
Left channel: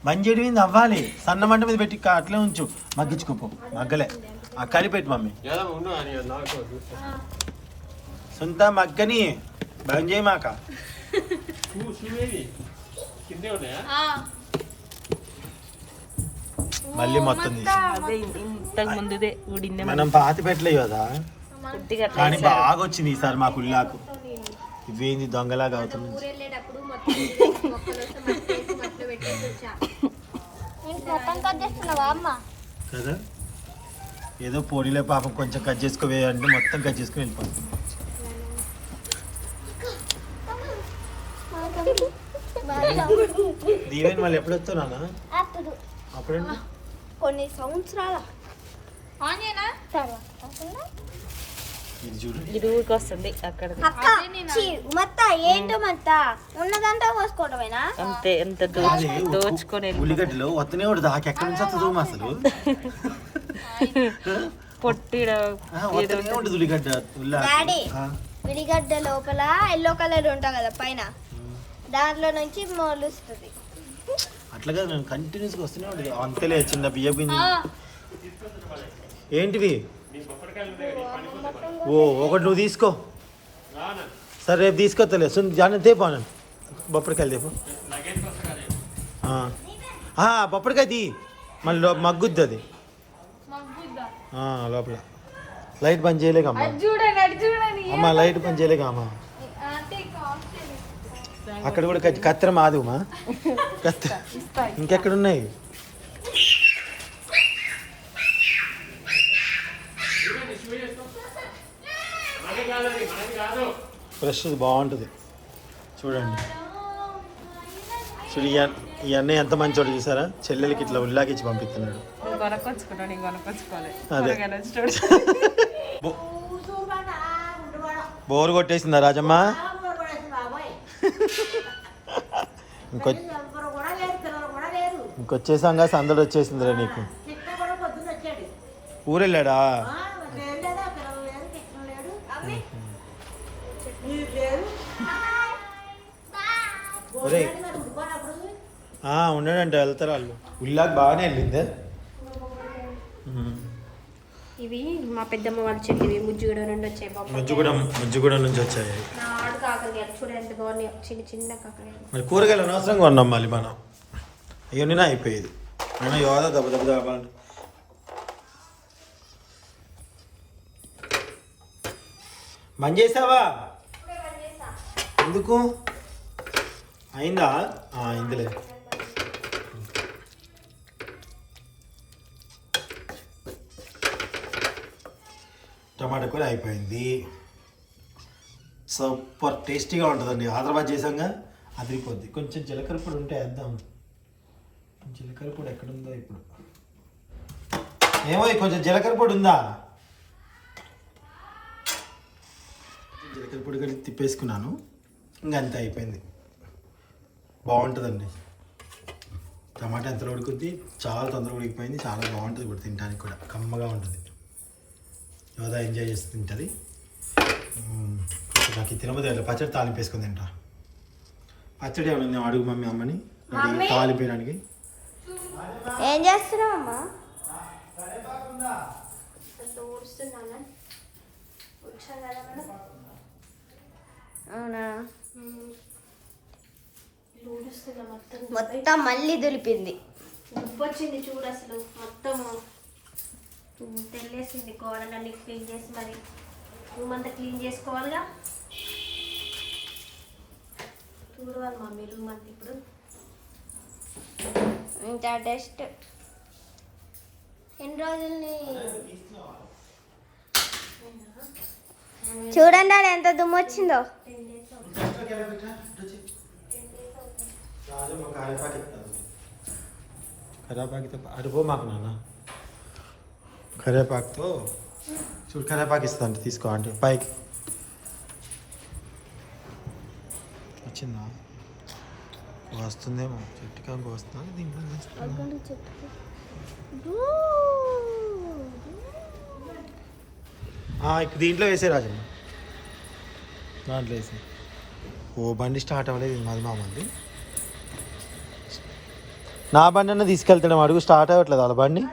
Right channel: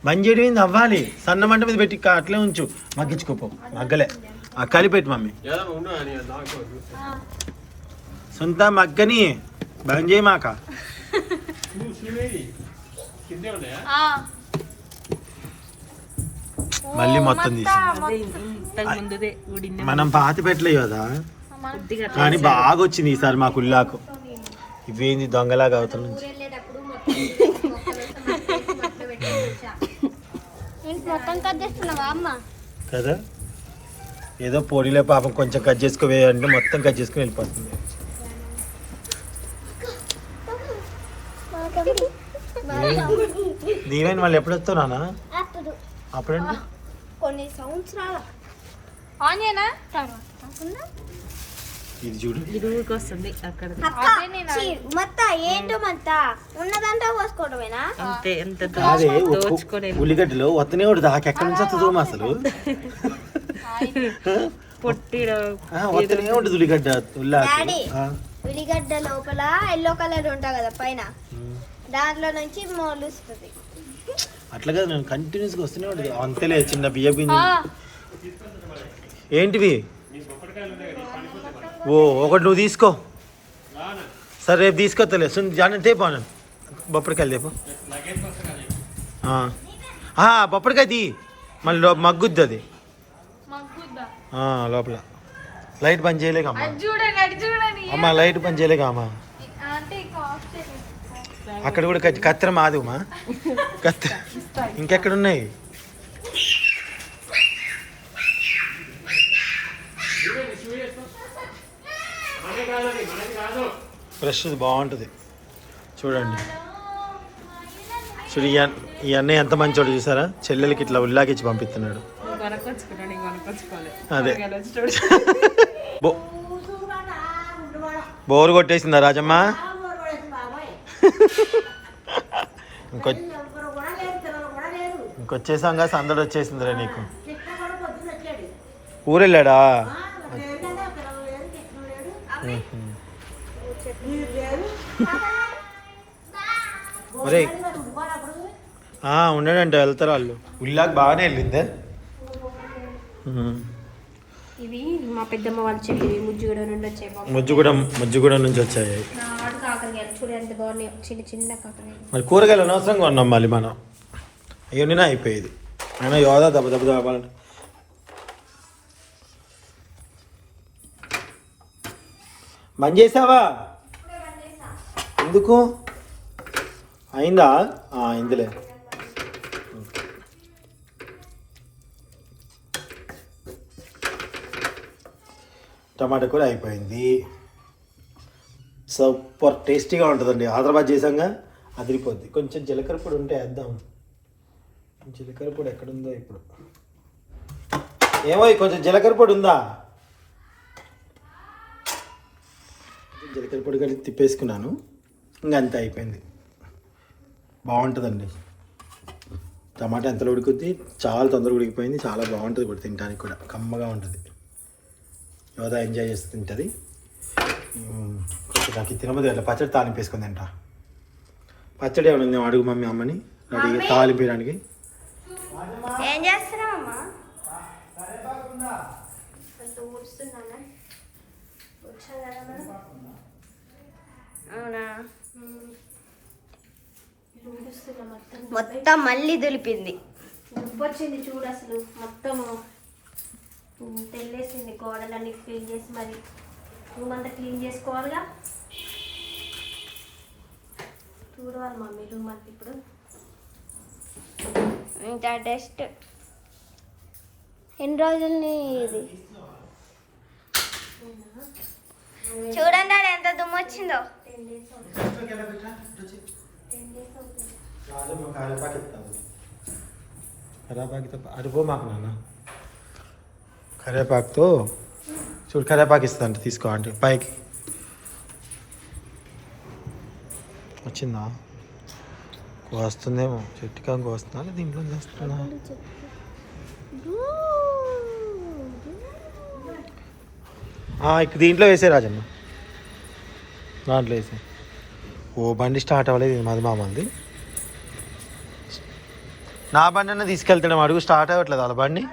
మంజేడి మీద అవ్వాలి. సన్న మంట మీద పెట్టి అట్లే ఉంచు. మగ్గించుకోపో. మగ్గలే ఆ కలిపెట్టు మమ్మీ. ఉండు అని నాకు సొంత మగ్గని బంద్ చేయమాక. కిందే ఉన్నాయా? మళ్ళీ మొత్తం తీసి మనం పాతి పెట్టలేదు కదా కానీ బాగా వచ్చింది ఈసారి మా కుల్లాకు. ఇవేంది దొంగలాగా అవుతుంది కదా. ఏదో పొడిలే పాపం కొంచెం కట్ చేసుకోవే అంటే మొత్తం కట్ చేసుకుని వెళ్ళిపోతుంది. దీవెన్ మళ్ళీ ఎప్పుడు వస్తావు నాన్న? అప్పుడంటే కొన్ని సంవత్సరాలు ఇది చూడు. ఊరికి వస్తుంది అక్కడ ఏంటో ఉన్నదంతా పోసుకోవడమేనా? అంతే. ఎంత అదే ఉల్లిగడ్డలో వత్తనే ఉంటుంది. ఎక్కడి నుంచి వస్తుందో అసలు వత్తనే ఉంటుంది ఉల్లిగడ్డ. ఉల్లిగడ్డ లోపల ఎల్లో కలర్ ఉంటా కదా పైన, దాంట్లో నుంచి మొలుస్తుంది. అట్లాగా నేను కంటిన్యూస్గా వస్తూనే ఉంటుంది. అంతేలే చిన్న బియ్య గింజ. ఏంటివి? ఓ ఒకటి నువ్వు తీసుకో. సరే రేపు తీసుకొస్తలే. జాన తేపో నేను బొప్పడికాయలు తేపో. బొప్పడికాయ తీ మళ్ళీ మగ్గుద్ది అది లోపల. లైట్ పని చేయలేక అమ్మా. అమ్మా లైట్ పని చేయలేక అమ్మా. అక్కడ కూడా కత్తెర మాది ఉమా. కత్తెర ఇంకెక్కడున్నాయి? ఫ్రెష్ బాగుంటుంది చూడండి. చూడు ఈ అన్నయ్య ఎంత మంచోడు చూసారా. చెల్లెలకి ఇట్లా ఉల్లాకిచ్చి పంపిస్తున్నాడు. అదే బోరు కొట్టేసిందా రాజమ్మ? ఇంకొచ్చేసాంగా సందడి వచ్చేసిందిరా నీకు. ఊరెళ్ళాడా? ఒరే ఉన్నాడంటే వెళ్తారు వాళ్ళు. ఉల్లాకి బాగానే వెళ్ళిందే. ఇవి మా పెద్దమ్మ వాళ్ళు చెట్టు ముజ్జిగూడ నుండి వచ్చాయి. ముజ్జిగూడ నుంచి వచ్చాయి. చూడండి బాగున్నాయి చిన్న చిన్న కాకరకాయలు. మరి కూరగాయలు అనవసరంగా ఉన్నాం మళ్ళీ మనం. అవన్నీ అయిపోయేది. అయినా యోదా దెబ్బ దెబ్బాలంటే బంద్ చేసావా? ఎందుకు అయిందా? అయిందిలే. టమాటా కూర అయిపోయింది. సూపర్ టేస్టీగా ఉంటుందండి. హైదరాబాద్ చేసాంగా అదిరిపోద్ది. కొంచెం జీలకర్ర పొడి ఉంటే వేద్దాం. జీలకర్ర పొడి ఎక్కడుందో ఇప్పుడు. ఏమో కొంచెం జీలకర్ర పొడి ఉందా? జీలకర్ర పొడి కలిపి తిప్పేసుకున్నాను. ఇంకా అంతే అయిపోయింది. బాగుంటుందండి. టమాటా ఎంతలో ఉడుకుద్ది, చాలా తొందరగా ఉడికిపోయింది. చాలా బాగుంటుంది ఇప్పుడు తినడానికి కూడా, కమ్మగా ఉంటుంది. యోధా ఎంజాయ్ చేసి తింటుంది. నాకు తినబోదు అట్లా పచ్చడి తాలింపు వేసుకొని తింటా. పచ్చడి ఏమన్నా నేను అడుగు మమ్మీ అమ్మని రెడీగా తాలింపడానికి. ఏం చేస్తున్నావమ్మా? అవునా? మొత్తం మళ్ళీ దులిపింది. వచ్చింది చూడు, అసలు మొత్తము తెల్లేసింది. గోడలన్నీ క్లీన్ చేసి మరి రూమ్ అంతా క్లీన్ చేసుకోవాలిగా. చూడవాలి మమ్మీ రూమ్ అంతా ఇప్పుడు. ఇంకా డస్ట్ ఎన్ని రోజులని ఇది చూడండి, అది ఎంత దుమ్ము వచ్చిందో. కరేపాకుతో అడిపో మాకు నాన్న. కరేపాకుతో చూడు, కరేపాకు ఇస్తుందంట, తీసుకో అంటే పైకి వచ్చిందా? వస్తుందేమో, చెట్టుకాకు వస్తున్నా దీంట్లో వస్తున్నా. ఇక్కడ దీంట్లో వేసే రాజమ్మ, దాంట్లో వేసే. ఓ బండి స్టార్ట్ అవ్వలేదు, మాది మామది. నా బండి అన్న తీసుకెళ్తాడు, అడుగు స్టార్ట్ అవ్వట్లేదు వాళ్ళ బండి.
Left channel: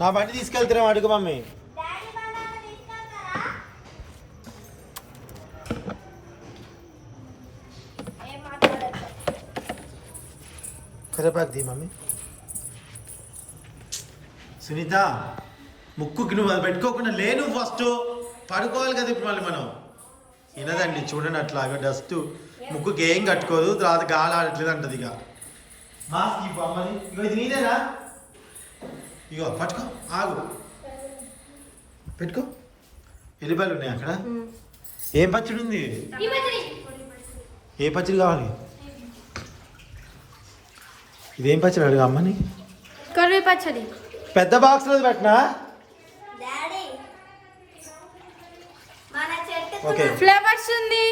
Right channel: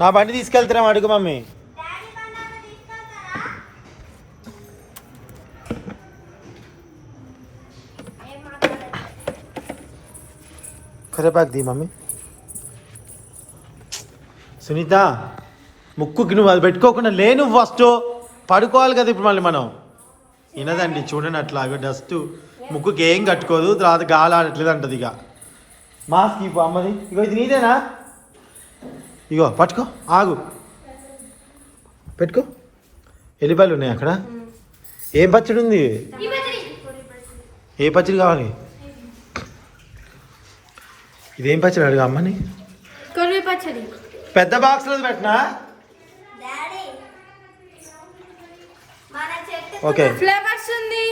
నా బండి తీసుకెళ్తున్నాం అడుగు మమ్మీ. కరేపాకు దీ మమ్మీ. సునీత, ముక్కుకి నువ్వు అది పెట్టుకోకుండా లేను, ఫస్ట్ పడుకోవాలి కదా ఇప్పుడు మళ్ళీ మనం. వినదండి చూడండి, అట్లా డస్ట్ ముక్కుకి ఏం కట్టుకోదు, తర్వాత గాలి ఆడట్లేదు అంటది. ఇక మాస్క్ ఇవ్వు అమ్మని. ఇగో ఇది నీదేనా? ఇగో పట్టుకో, ఆగు, పెట్టుకో. ఎల్లిపాయలు ఉన్నాయి అక్కడ. ఏం పచ్చడి ఉంది? ఏ పచ్చడి కావాలి? ఇదేం పచ్చడి అడుగు అమ్మని. కర్రీ పచ్చడి పెద్ద బాక్స్లో పెట్టినా. ఓకే, ఫ్లేవర్స్ ఉంది.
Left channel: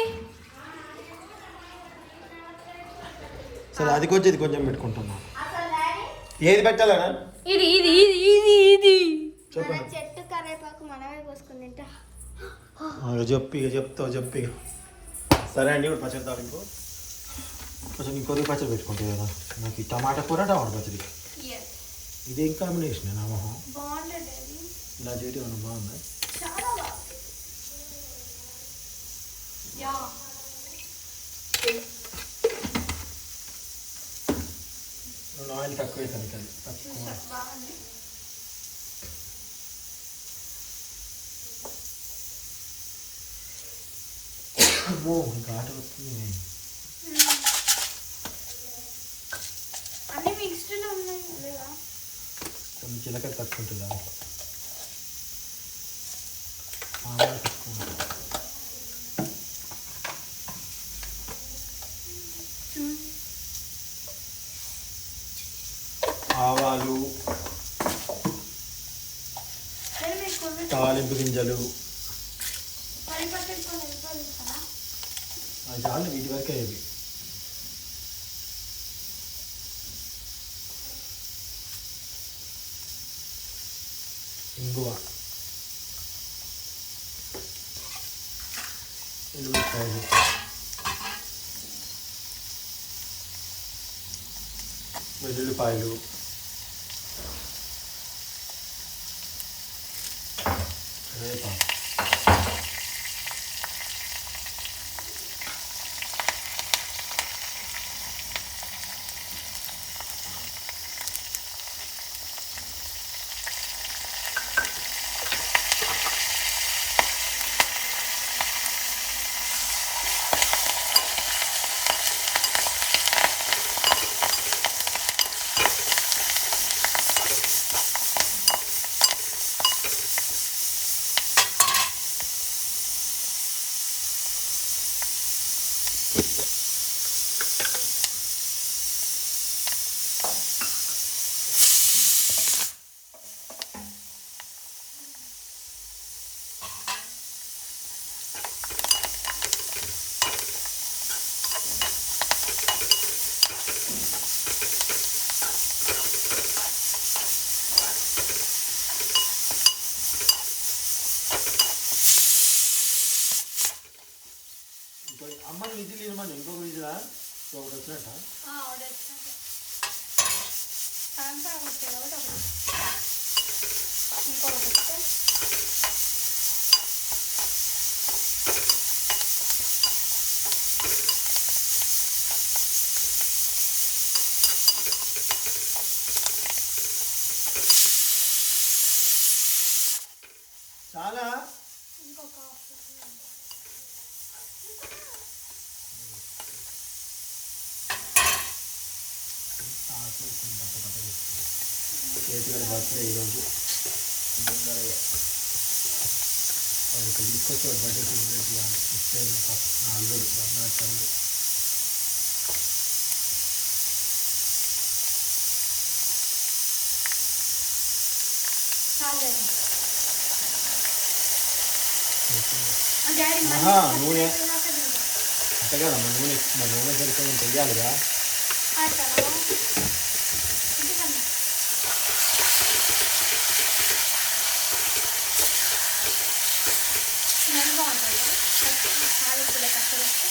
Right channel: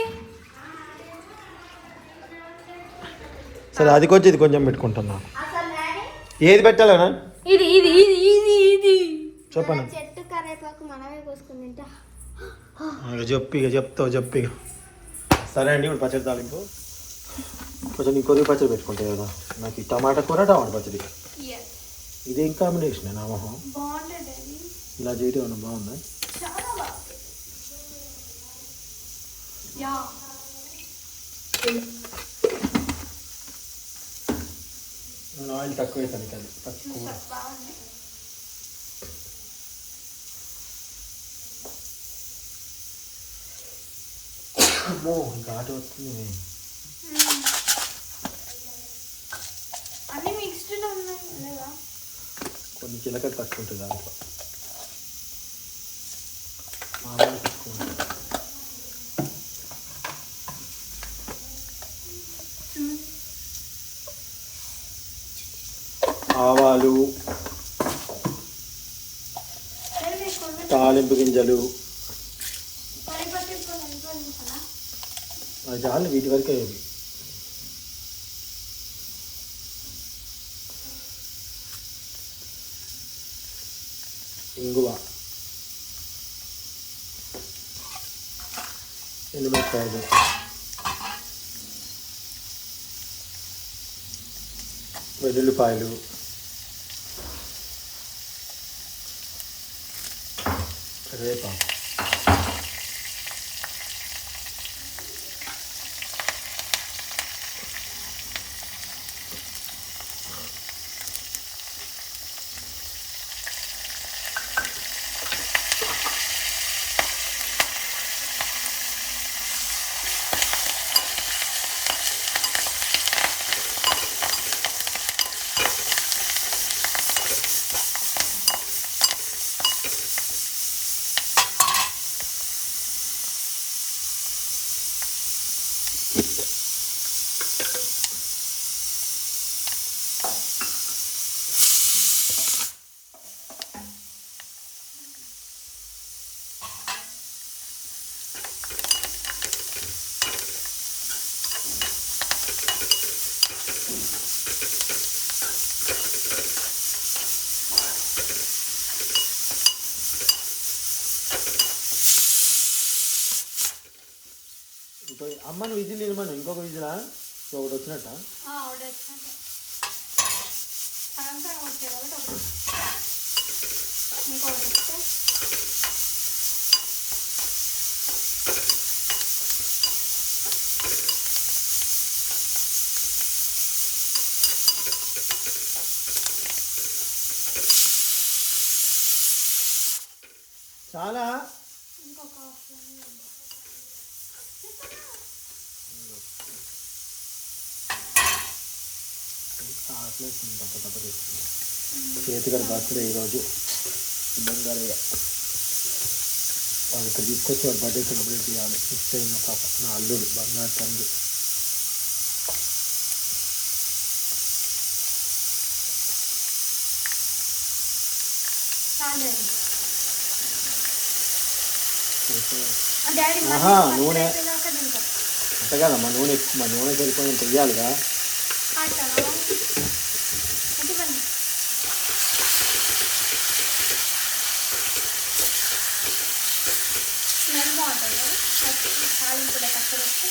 సరే అది కొంచెం ఇది కొంచెం పెట్టుకుంటున్నా. ఏది పెట్టాలనా? ఇది ఇది ఇది ఇది ఇది చెప్పండి. చెట్టు కరేపాకు మనమే కోసుకుని తింటా. ఇక చెప్పు ఇక. సరే అండి, ఇప్పుడు పచ్చడి తాలింపు కొంచెం నీ కొద్దిగా పచ్చడి పెట్టుకుంటే కదా. నాకు ఈ టమాటా కూర, టమాటా పచ్చడి, ఇదేం కాంబినేషన్ నా మొహం. ఇలా చేయడం ఏమన్నా బాగుందా? నేను ఆయిల్ తక్కువ వేసాను కానీ తక్కువ. ఇంకా ఆట వస్తుంది. అన్ని మిక్స్డ్లో ఉన్నాయి లేదా? కొన్ని చిలకడ తక్కువ ఉంటుంది దాంట్లో, ఆవాలు తక్కువ ఉంటుంది. ఆవాలు, తాలింపు గింజలు, చాలు వీటి వరకే. ఇవి ఇంగువ, ఎండుమిరపకాయలు, వెల్లుల్లిపాయలు, కరివేపాకు, అమ్మని విజిల్ ఇవ్వమని ఇంకొక విజిలా ఒకటి వచ్చినట్ట ఆర్డర్ అంతా వచ్చే కాబట్టి ఇంకొకటి వస్తే చాలా ఇంకొక చేతిగా బర్త్డే ఈరోజు బంగారయ్య వాళ్ళు ఇక్కడ తీసుకొచ్చి వాడు బర్త్డే సెలబ్రేట్ చేయాలి ఇస్తే పాప నా అల్లుడు బంగారు తండ్రి డాడీ ఆహా, నూనె అంతే కదమ్మా నూనె నూనె సరిపోయిన చెయ్యాలిగా స్మెల్ బాగుంటుంది తాలింపులో కష్టపడితే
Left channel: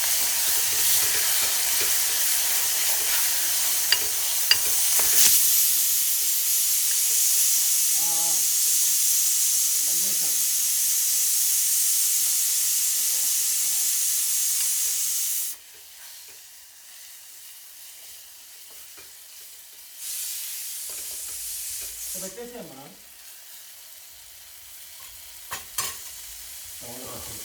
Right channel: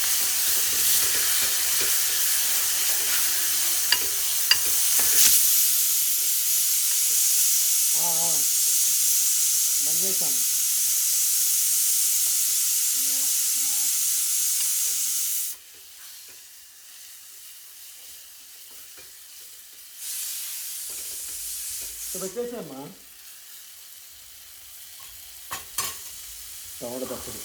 పెట్టేసామ్మా టమాటా పచ్చడి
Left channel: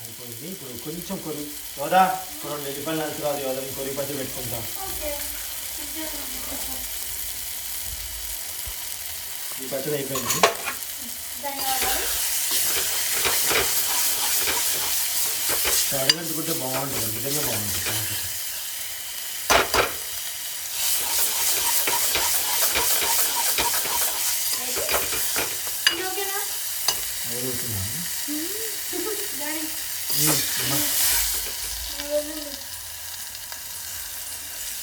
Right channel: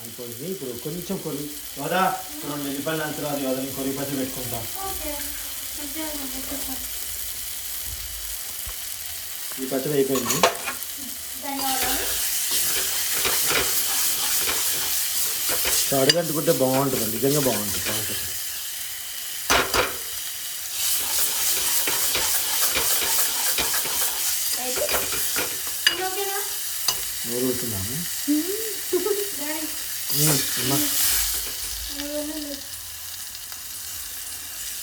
అయిపోయింది ఇప్పుడు కొంచెం కొరి వదా 2 ఎల్లిపాయలు అంతరాది వదని కొరి పచ్చడి పెట్టుకుంటాం ఓకే ఈ పచ్చడి అయిపోయింది ధన్యవాదాలు అడుగంటుకుంటే బాగుంటుంది నిజంగా బాగుంటుంది టమాటా ఊరుతున్నాను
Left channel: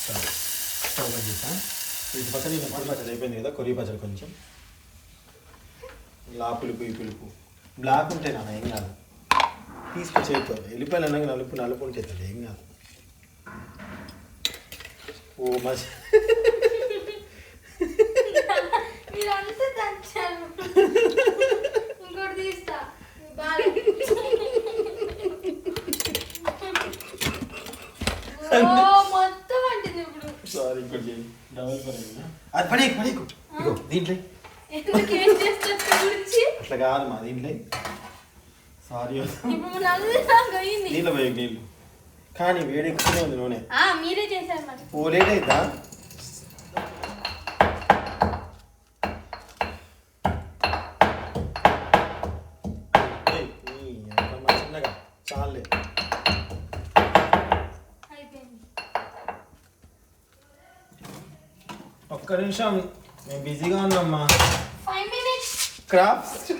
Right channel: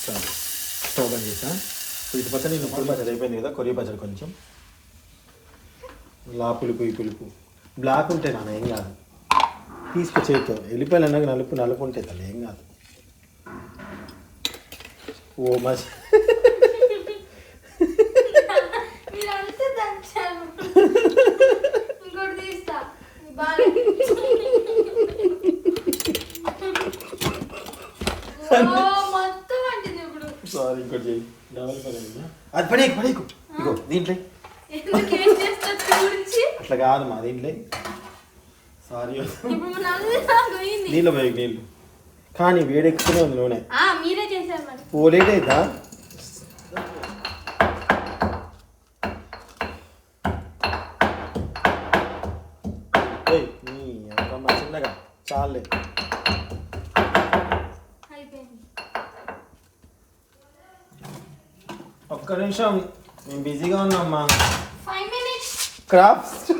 సరే స్టవ్ బంద్ చేసా ఇది పక్కన నేను కొరి పచ్చడి అయిపోయింది కదా కొరి పచ్చడి కొంచెం ఇలా పులుపు ఈ పులుపు బ్లాక్ ఉంటే నాన్న ఏం కాదు తీసుకొచ్చేతో వెళ్ళిపోయాలి అన్నాక నలుపు నలుపు ఉంటే తను ఏం కాదు ఓ మస్ మీరంతా దంచారు ఇంకోటి తీస్తా మొత్తం అంటుంది ఇప్పుడు సారీ ఇంకోటి చేయి డబల్ పని అది పని పని ఇగో దీంట్లో ఎందుకు ఏం చేస్తా గురించి అట్లా కాదు మా దీంట్లో సారీ ఇప్పుడు నన్ను పోయింది నీళ్ళు పోయి నీళ్ళు కానీ వేడెక్కుతూనే ఉంది నూనె మీరే చేశారు మరి ఓ లేట్ అవుతా చిన్నగా చాలే అయిపోయింది ఒక్క నిమిషం నేను బిజీగా ఉన్నామ్మా 5 minutes క్రాఫ్ట్స్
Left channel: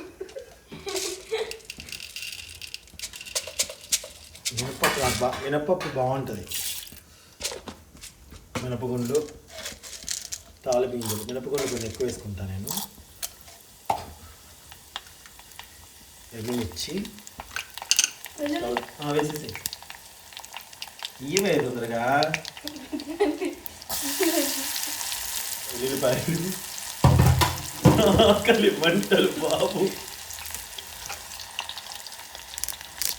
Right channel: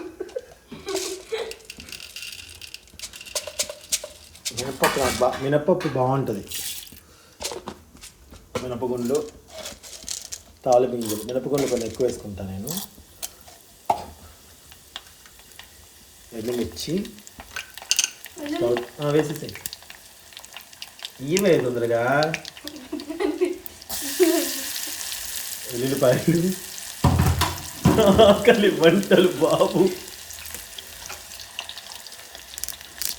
మినపప్పు బాగుంటుంది మినపగుండ్లు తాలిపింగులు మినపగుండ్లు కొన్ని ఎక్కువ వేసుకుంటాను నేను ఎండుమిర్చి వేసేసి ఇవే తొందరగా ఉల్లిపాయలు ఆకలి వంటలు బాబు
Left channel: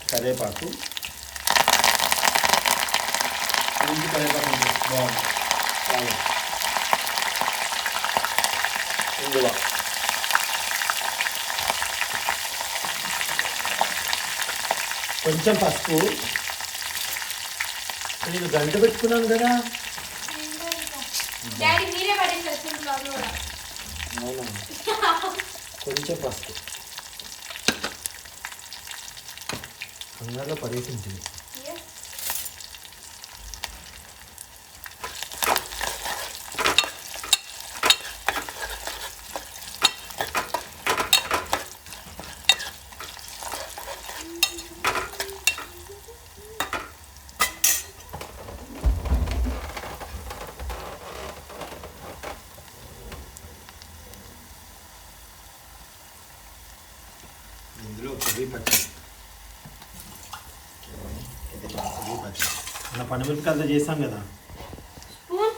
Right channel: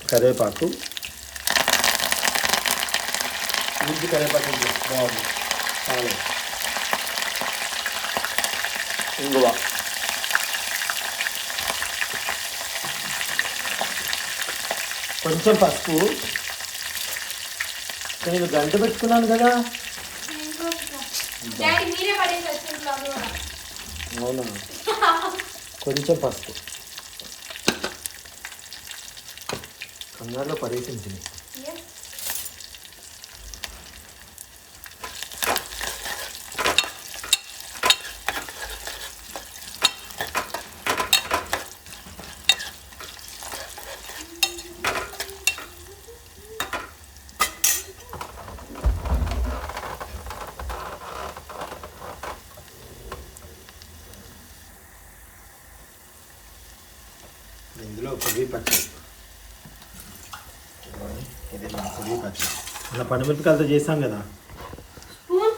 కరివేపాకు ముందు కరివేపాకు బాగుంది ఇంగువ కొంచెం పసుపు నేను గంట పెట్టుకున్నాను కదా డాడీ మీరే పడేసారు ఇంట్లో అది కూడా. అవునా కొంచెం పసుపు కంగారులో పడేసింది Yes. ఇందులో కొద్ది పచ్చి ఈ పచ్చడి ఇలా పండుమిరపకాయలతో చేసాం కదా. స్పూన్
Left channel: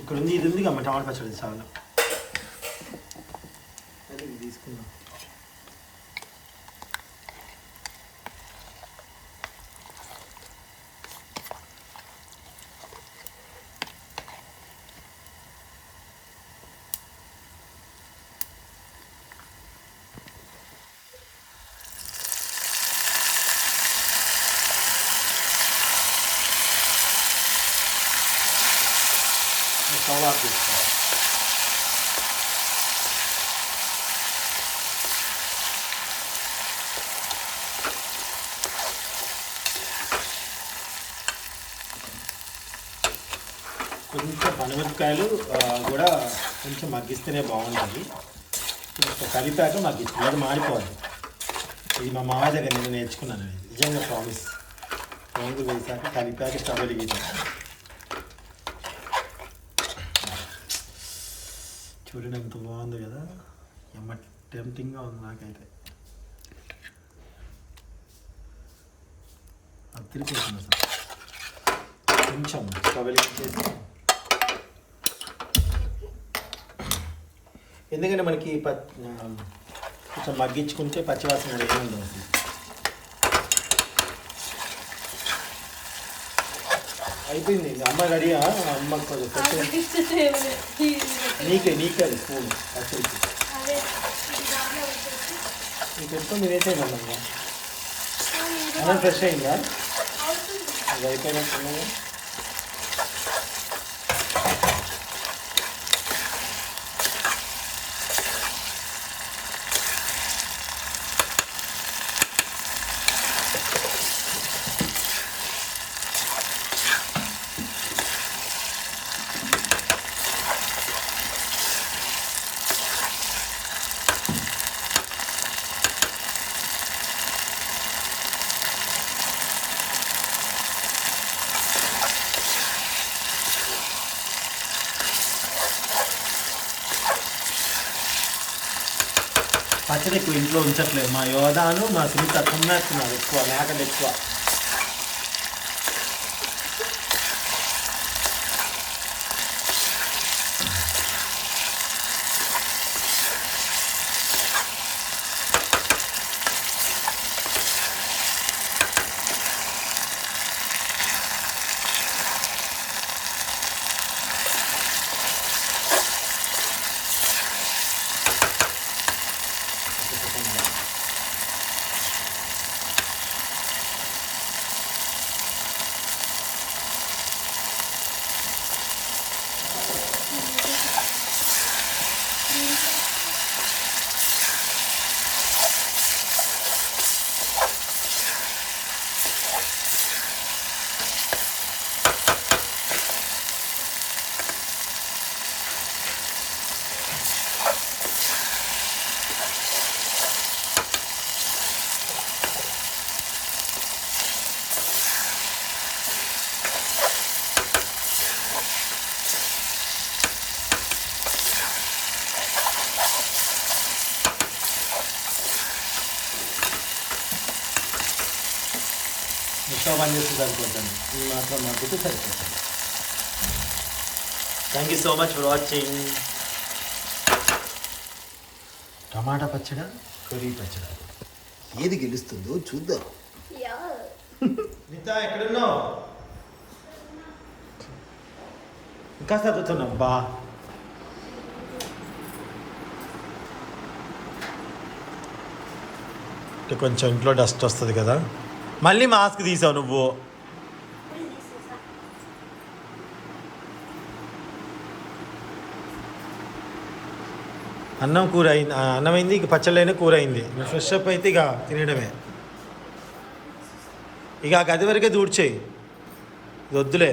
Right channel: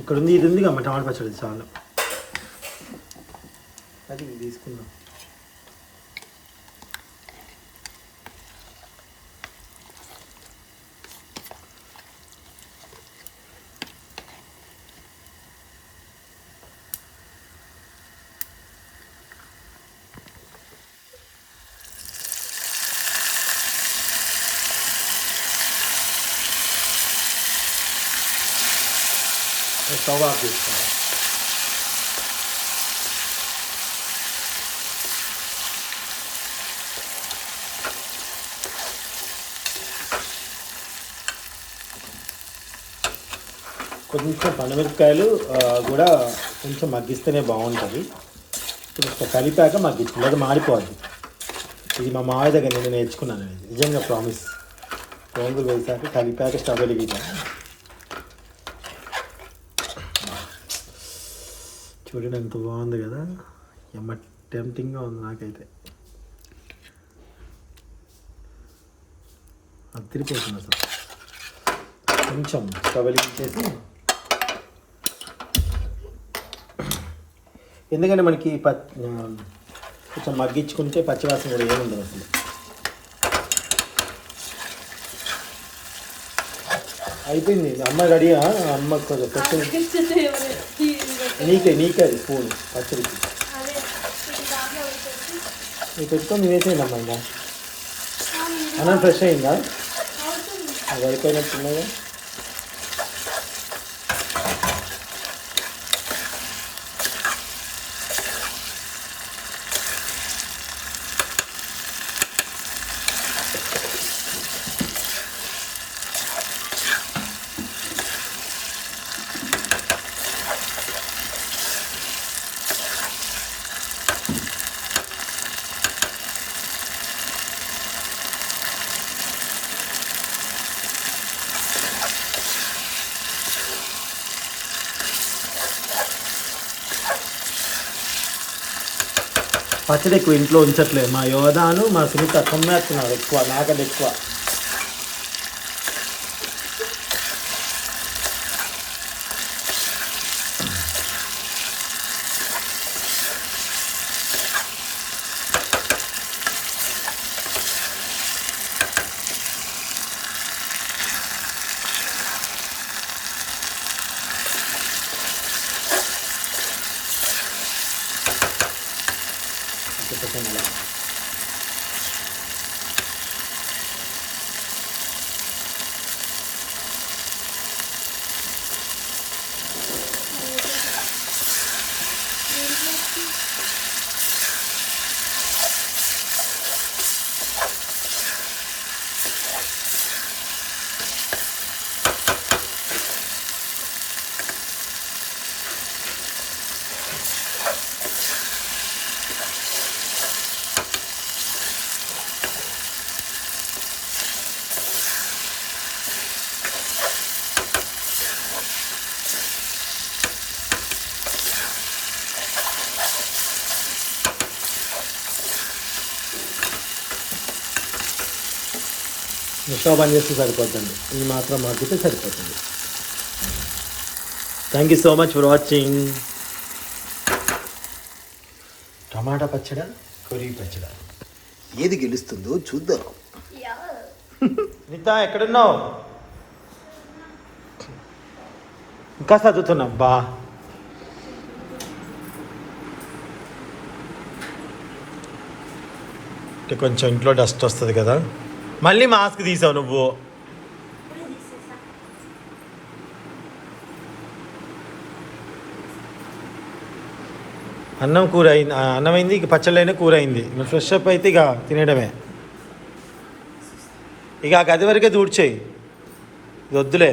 ఇక్కడ ఉంది, ఇది ఉంది కదా టమాటా పచ్చడి చాలా. అది తీసుకున్నాం. స్టవ్ ఆఫ్ చేసుకున్నాం. కొంచెం పనిమిరపకాయలు కూడా కొంచెం మగ్గిస్తేనే బాగుంటుంది. కొంచెం కలిపాక మగ్గించు, అది మారిపోద్ది. ఇది మా మాయ దగ్గర నేను నేర్చుకున్నాను. ఇది నిజంగా ప్రామిస్. పోంగులు వేసాక కలిపాక స్టవ్ వెలిగిద్దాం. చూడండి ఎంత బాగుంది కదా, ఎమ్మ టెంప్టింగ్గా ఉంది నాకైతే. అది తిరిగిపోతుంది అసలు. కొంచెం స్టవ్ వెలిగించేసి, ఎందుకంటే మనకి కొంచెం మగ్గించుకుంటే పచ్చివాసన కూడా ఏముండదు అసలు. అయిపోయింది. అమ్మ రెడీ. అమ్మ నీకే అది స్పూన్ పచ్చడికి నీకు పెట్టుకొని వేసేయండి అమ్మ. ఇంకా అన్నం ఫ్రెష్ అయిందా? అది అయిపోయినట్టున్నాయి. పచ్చడి ఎక్కువ ఇంట్లో ఉంచట్లేదు. మా యోధాను మా సునీత కొమ్మేస్తున్నారు ఎక్కువ, నాకంటే ఎక్కువ. స్టవ్ బంద్ చేస్తే సరిపోతుంది. ఇది మాత్రం మగ్గితే సరిపోతుంది. Thank you so much for watching. Tomato పచ్చడ, కొరి పచ్చడ, ఏది గెలుస్తుందో చూద్దాం. నీతా ఎక్కడున్నావు? ఇంకా చదువుతున్నా బా. కొంచెం ఇంట్లో డస్ట్ వస్తుంది కదా. మళ్ళీ మాస్క్ తీసావు నువ్వు. అన్నం కూర అయింది, అన్నం అయింది, ఇక పచ్చళ్ళైనా కూర అయింది. నువ్వు ఫ్రెష్ అప్ అయితే ఇక తినేయడమే. ఇక ఆ గది వరకే దూడ్చేయి, వద్దులే.